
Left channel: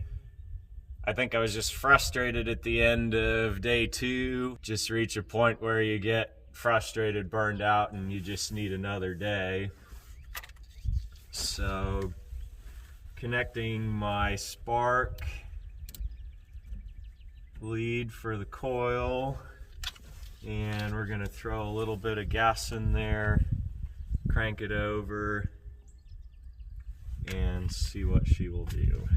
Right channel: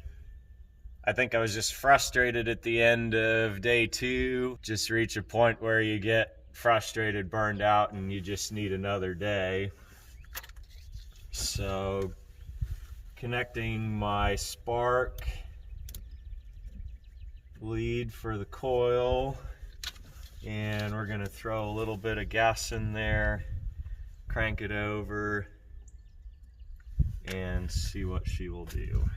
I think I was just frustrated at the end of day 2. Just reach a point where you get frustrated, burned out, and you just need another day. So, connecting my spark lead for the coil, and we're going to throw a little bit of gas in there, crank it over, and see what she will do.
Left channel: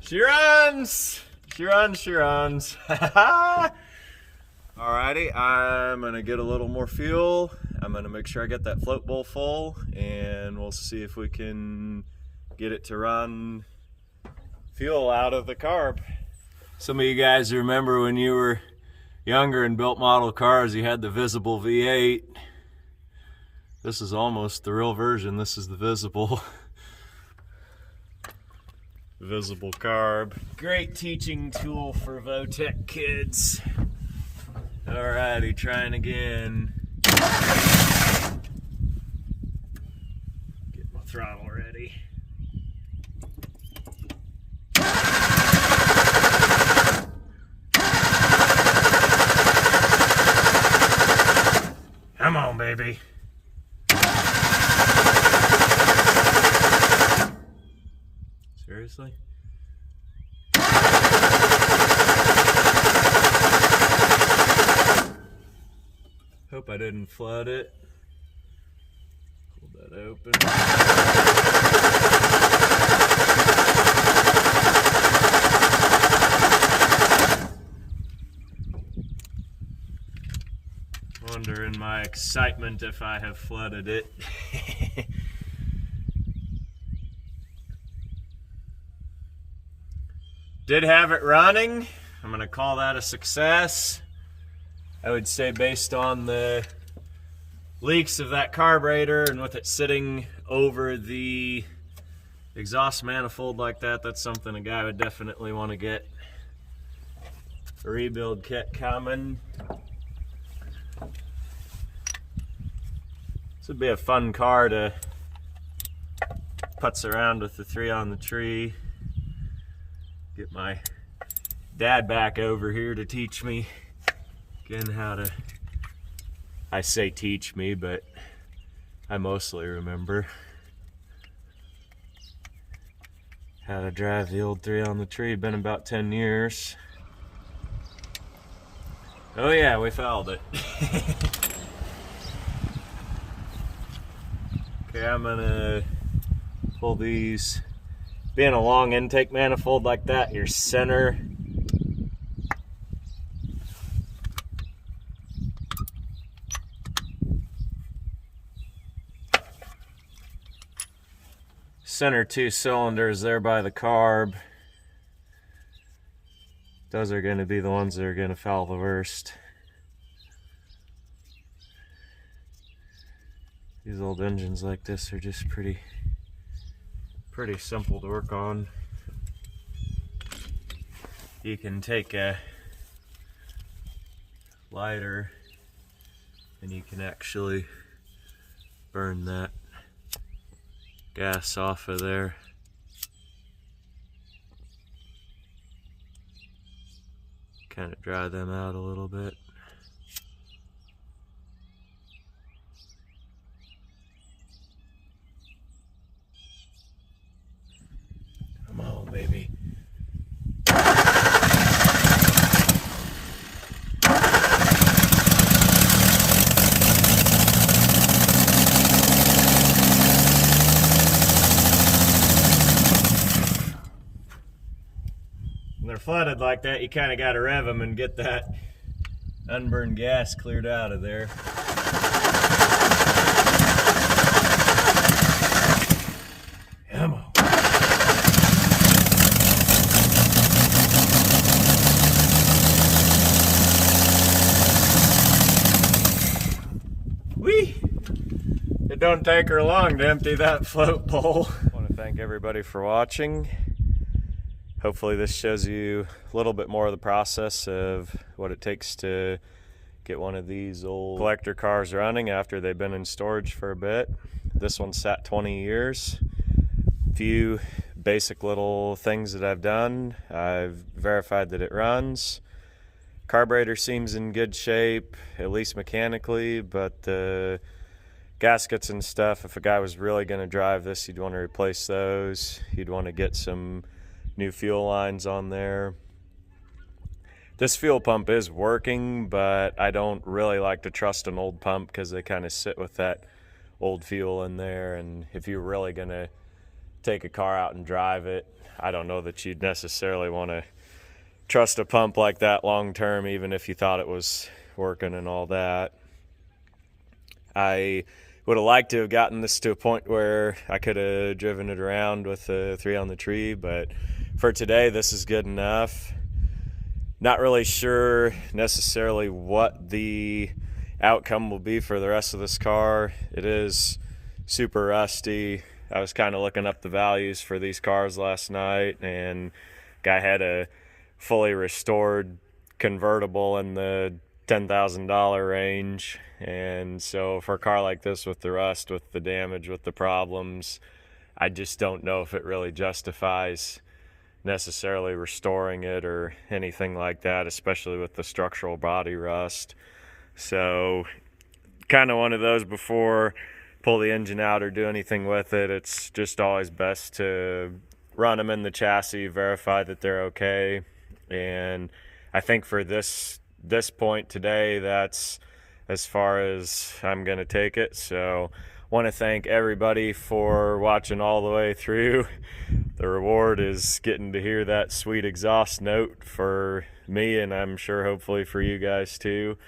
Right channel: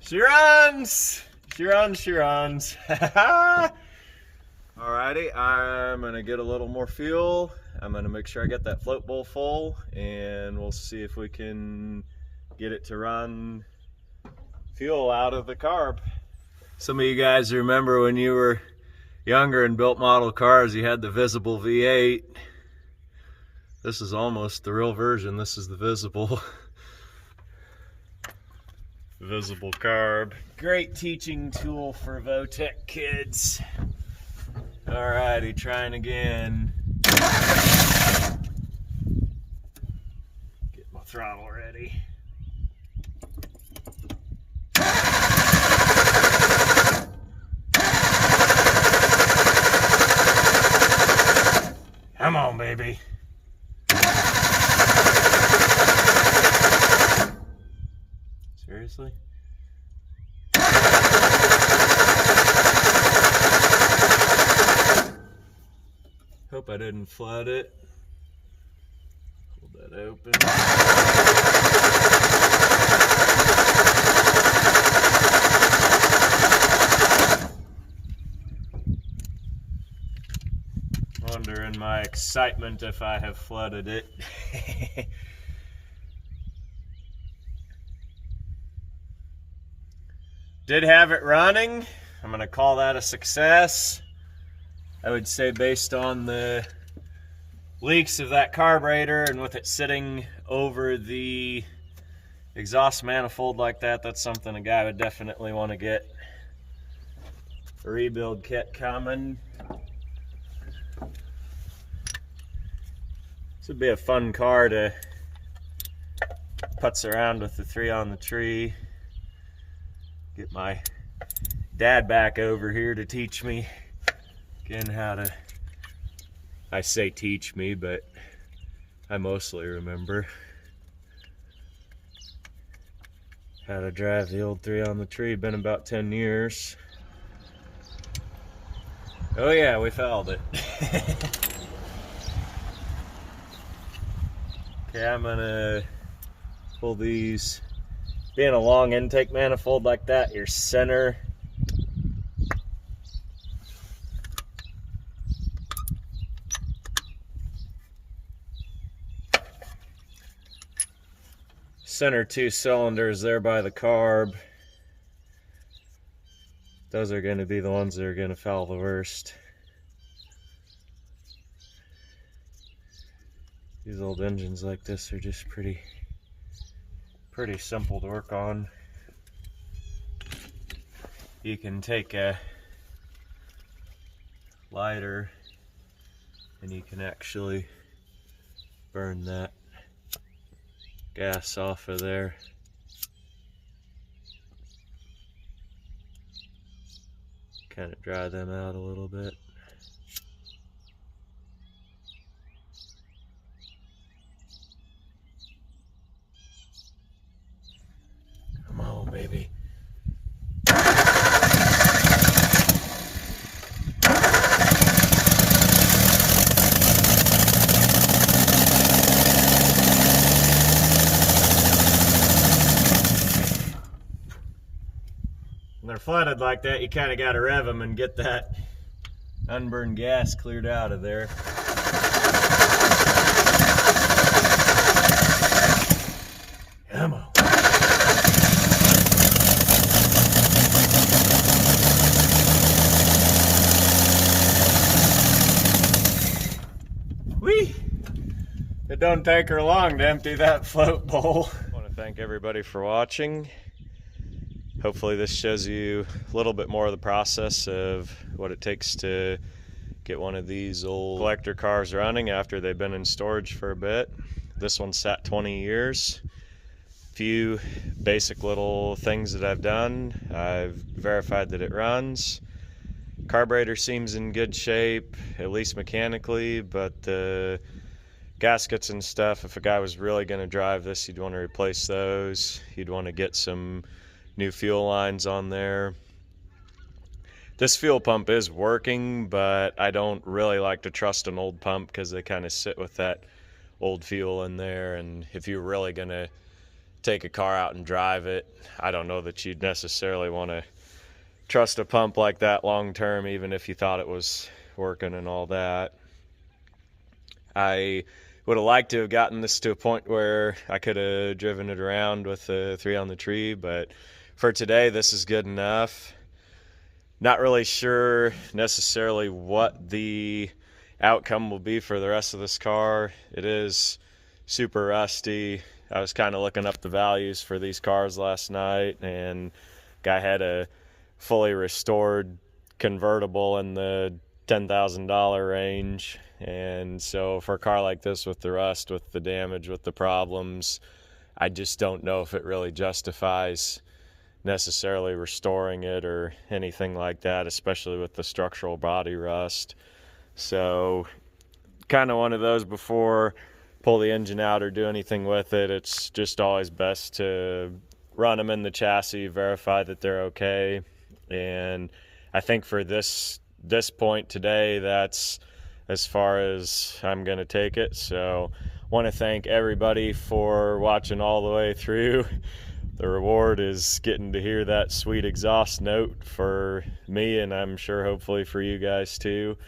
She runs! She runs, she runs. Alrighty, I'm gonna get a little more fuel. I'm gonna make sure I get that float bowl full, and we'll see if we can get it to run fuel out of the carb. Some of you guys remember when you were younger and built model cars, you had the visible V8. This is almost the real version. This is the visible carb. Great teaching tool for Votech kids. Alrighty, trying again. Get my throttle ready. Come on, baby. Seriously? Hope I didn't flood it. Pull that open. Wonder in my excitement if I have flooded it. Did have it running. I'm gonna call that a success. I would say based on the leaks of that carburetor and with it sitting over the exhaust manifold like that, that's something a guy would definitely want to get a rebuild kit coming. This would be a fun car to putz around with the 3 on the tree. Get my dad back over here to teach me again how to, I say teach me, but I mostly remember how to drive the old 3 on the tree. Been about 10 years. Oh yeah, we fouled it. Okay, I'm gonna pull these. Being a long intake manifold like that, your center center 2 cylinders there by the carb, those are going to be the ones that are going to foul the worst. These old engines like this are just pretty simple to work on. You can take a lighter and you can actually burn that gas off of there. Kind of dry them out a little bit. Come on, baby. When they're flooded like that, you kind of got to rev them and get that unburned gas cleared out of there. Come on. It don't take her long to empty that float bowl. I want to thank everybody for watching. Hopefully this shows you a little bit more of the process of what it takes to get one of these old collector cars running after they've been in storage for a bit. This one sat 20 years. A few basic little things that I've done. I've verified that it runs. Carburetor seems in good shape, at least mechanically, but the gaskets and stuff, if a guy was really going to drive this, you'd want to replace those. You'd want to get some new fuel lines on there. This fuel pump is working, but I don't really like to trust an old pump because they kind of sit with that old fuel in there, and if you're really going to take a car out and drive it, I don't know that you'd necessarily want to trust a pump like that long term, even if you thought it was working and all that. I would have liked to have gotten this to a point where I could have driven it around with a 3 on the tree, but for today this is good enough. Not really sure necessarily what the outcome will be for the rest of this car. It is super rusty. I was kind of looking up the values for these cars last night, and guy had a fully restored convertible in the $10,000 range. And so for a car like this with the rust, with the damage, with the problems, I just don't know if it really justifies necessarily restoring it or anything like that, especially with the structural body rust. So kind of one of those, before pull the engine out or do anything with it, it's just always best to run them in the chassis, verify that they're okay. And I think for this point today, that's as far as I'm gonna take it. So want to thank everybody for watching all the way through. The reward is getting to hear that sweet exhaust note for me, and I'm sure hopefully for you guys too.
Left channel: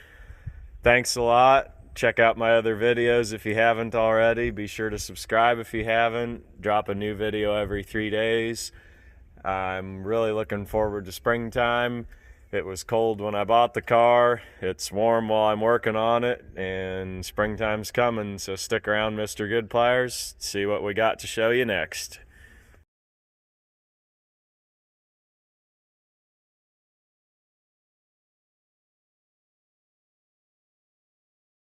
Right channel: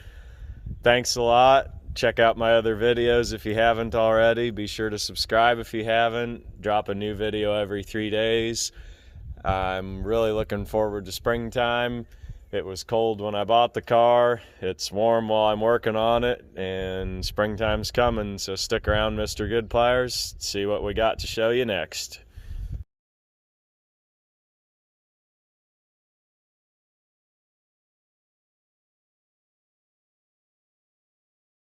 Thanks a lot. Check out my other videos if you haven't already. Be sure to subscribe if you haven't. Drop a new video every 3 days. I'm really looking forward to springtime. It was cold when I bought the car. It's warm while I'm working on it, and springtime's coming, so stick around, Mr. Goodpliers. See what we got to show you next.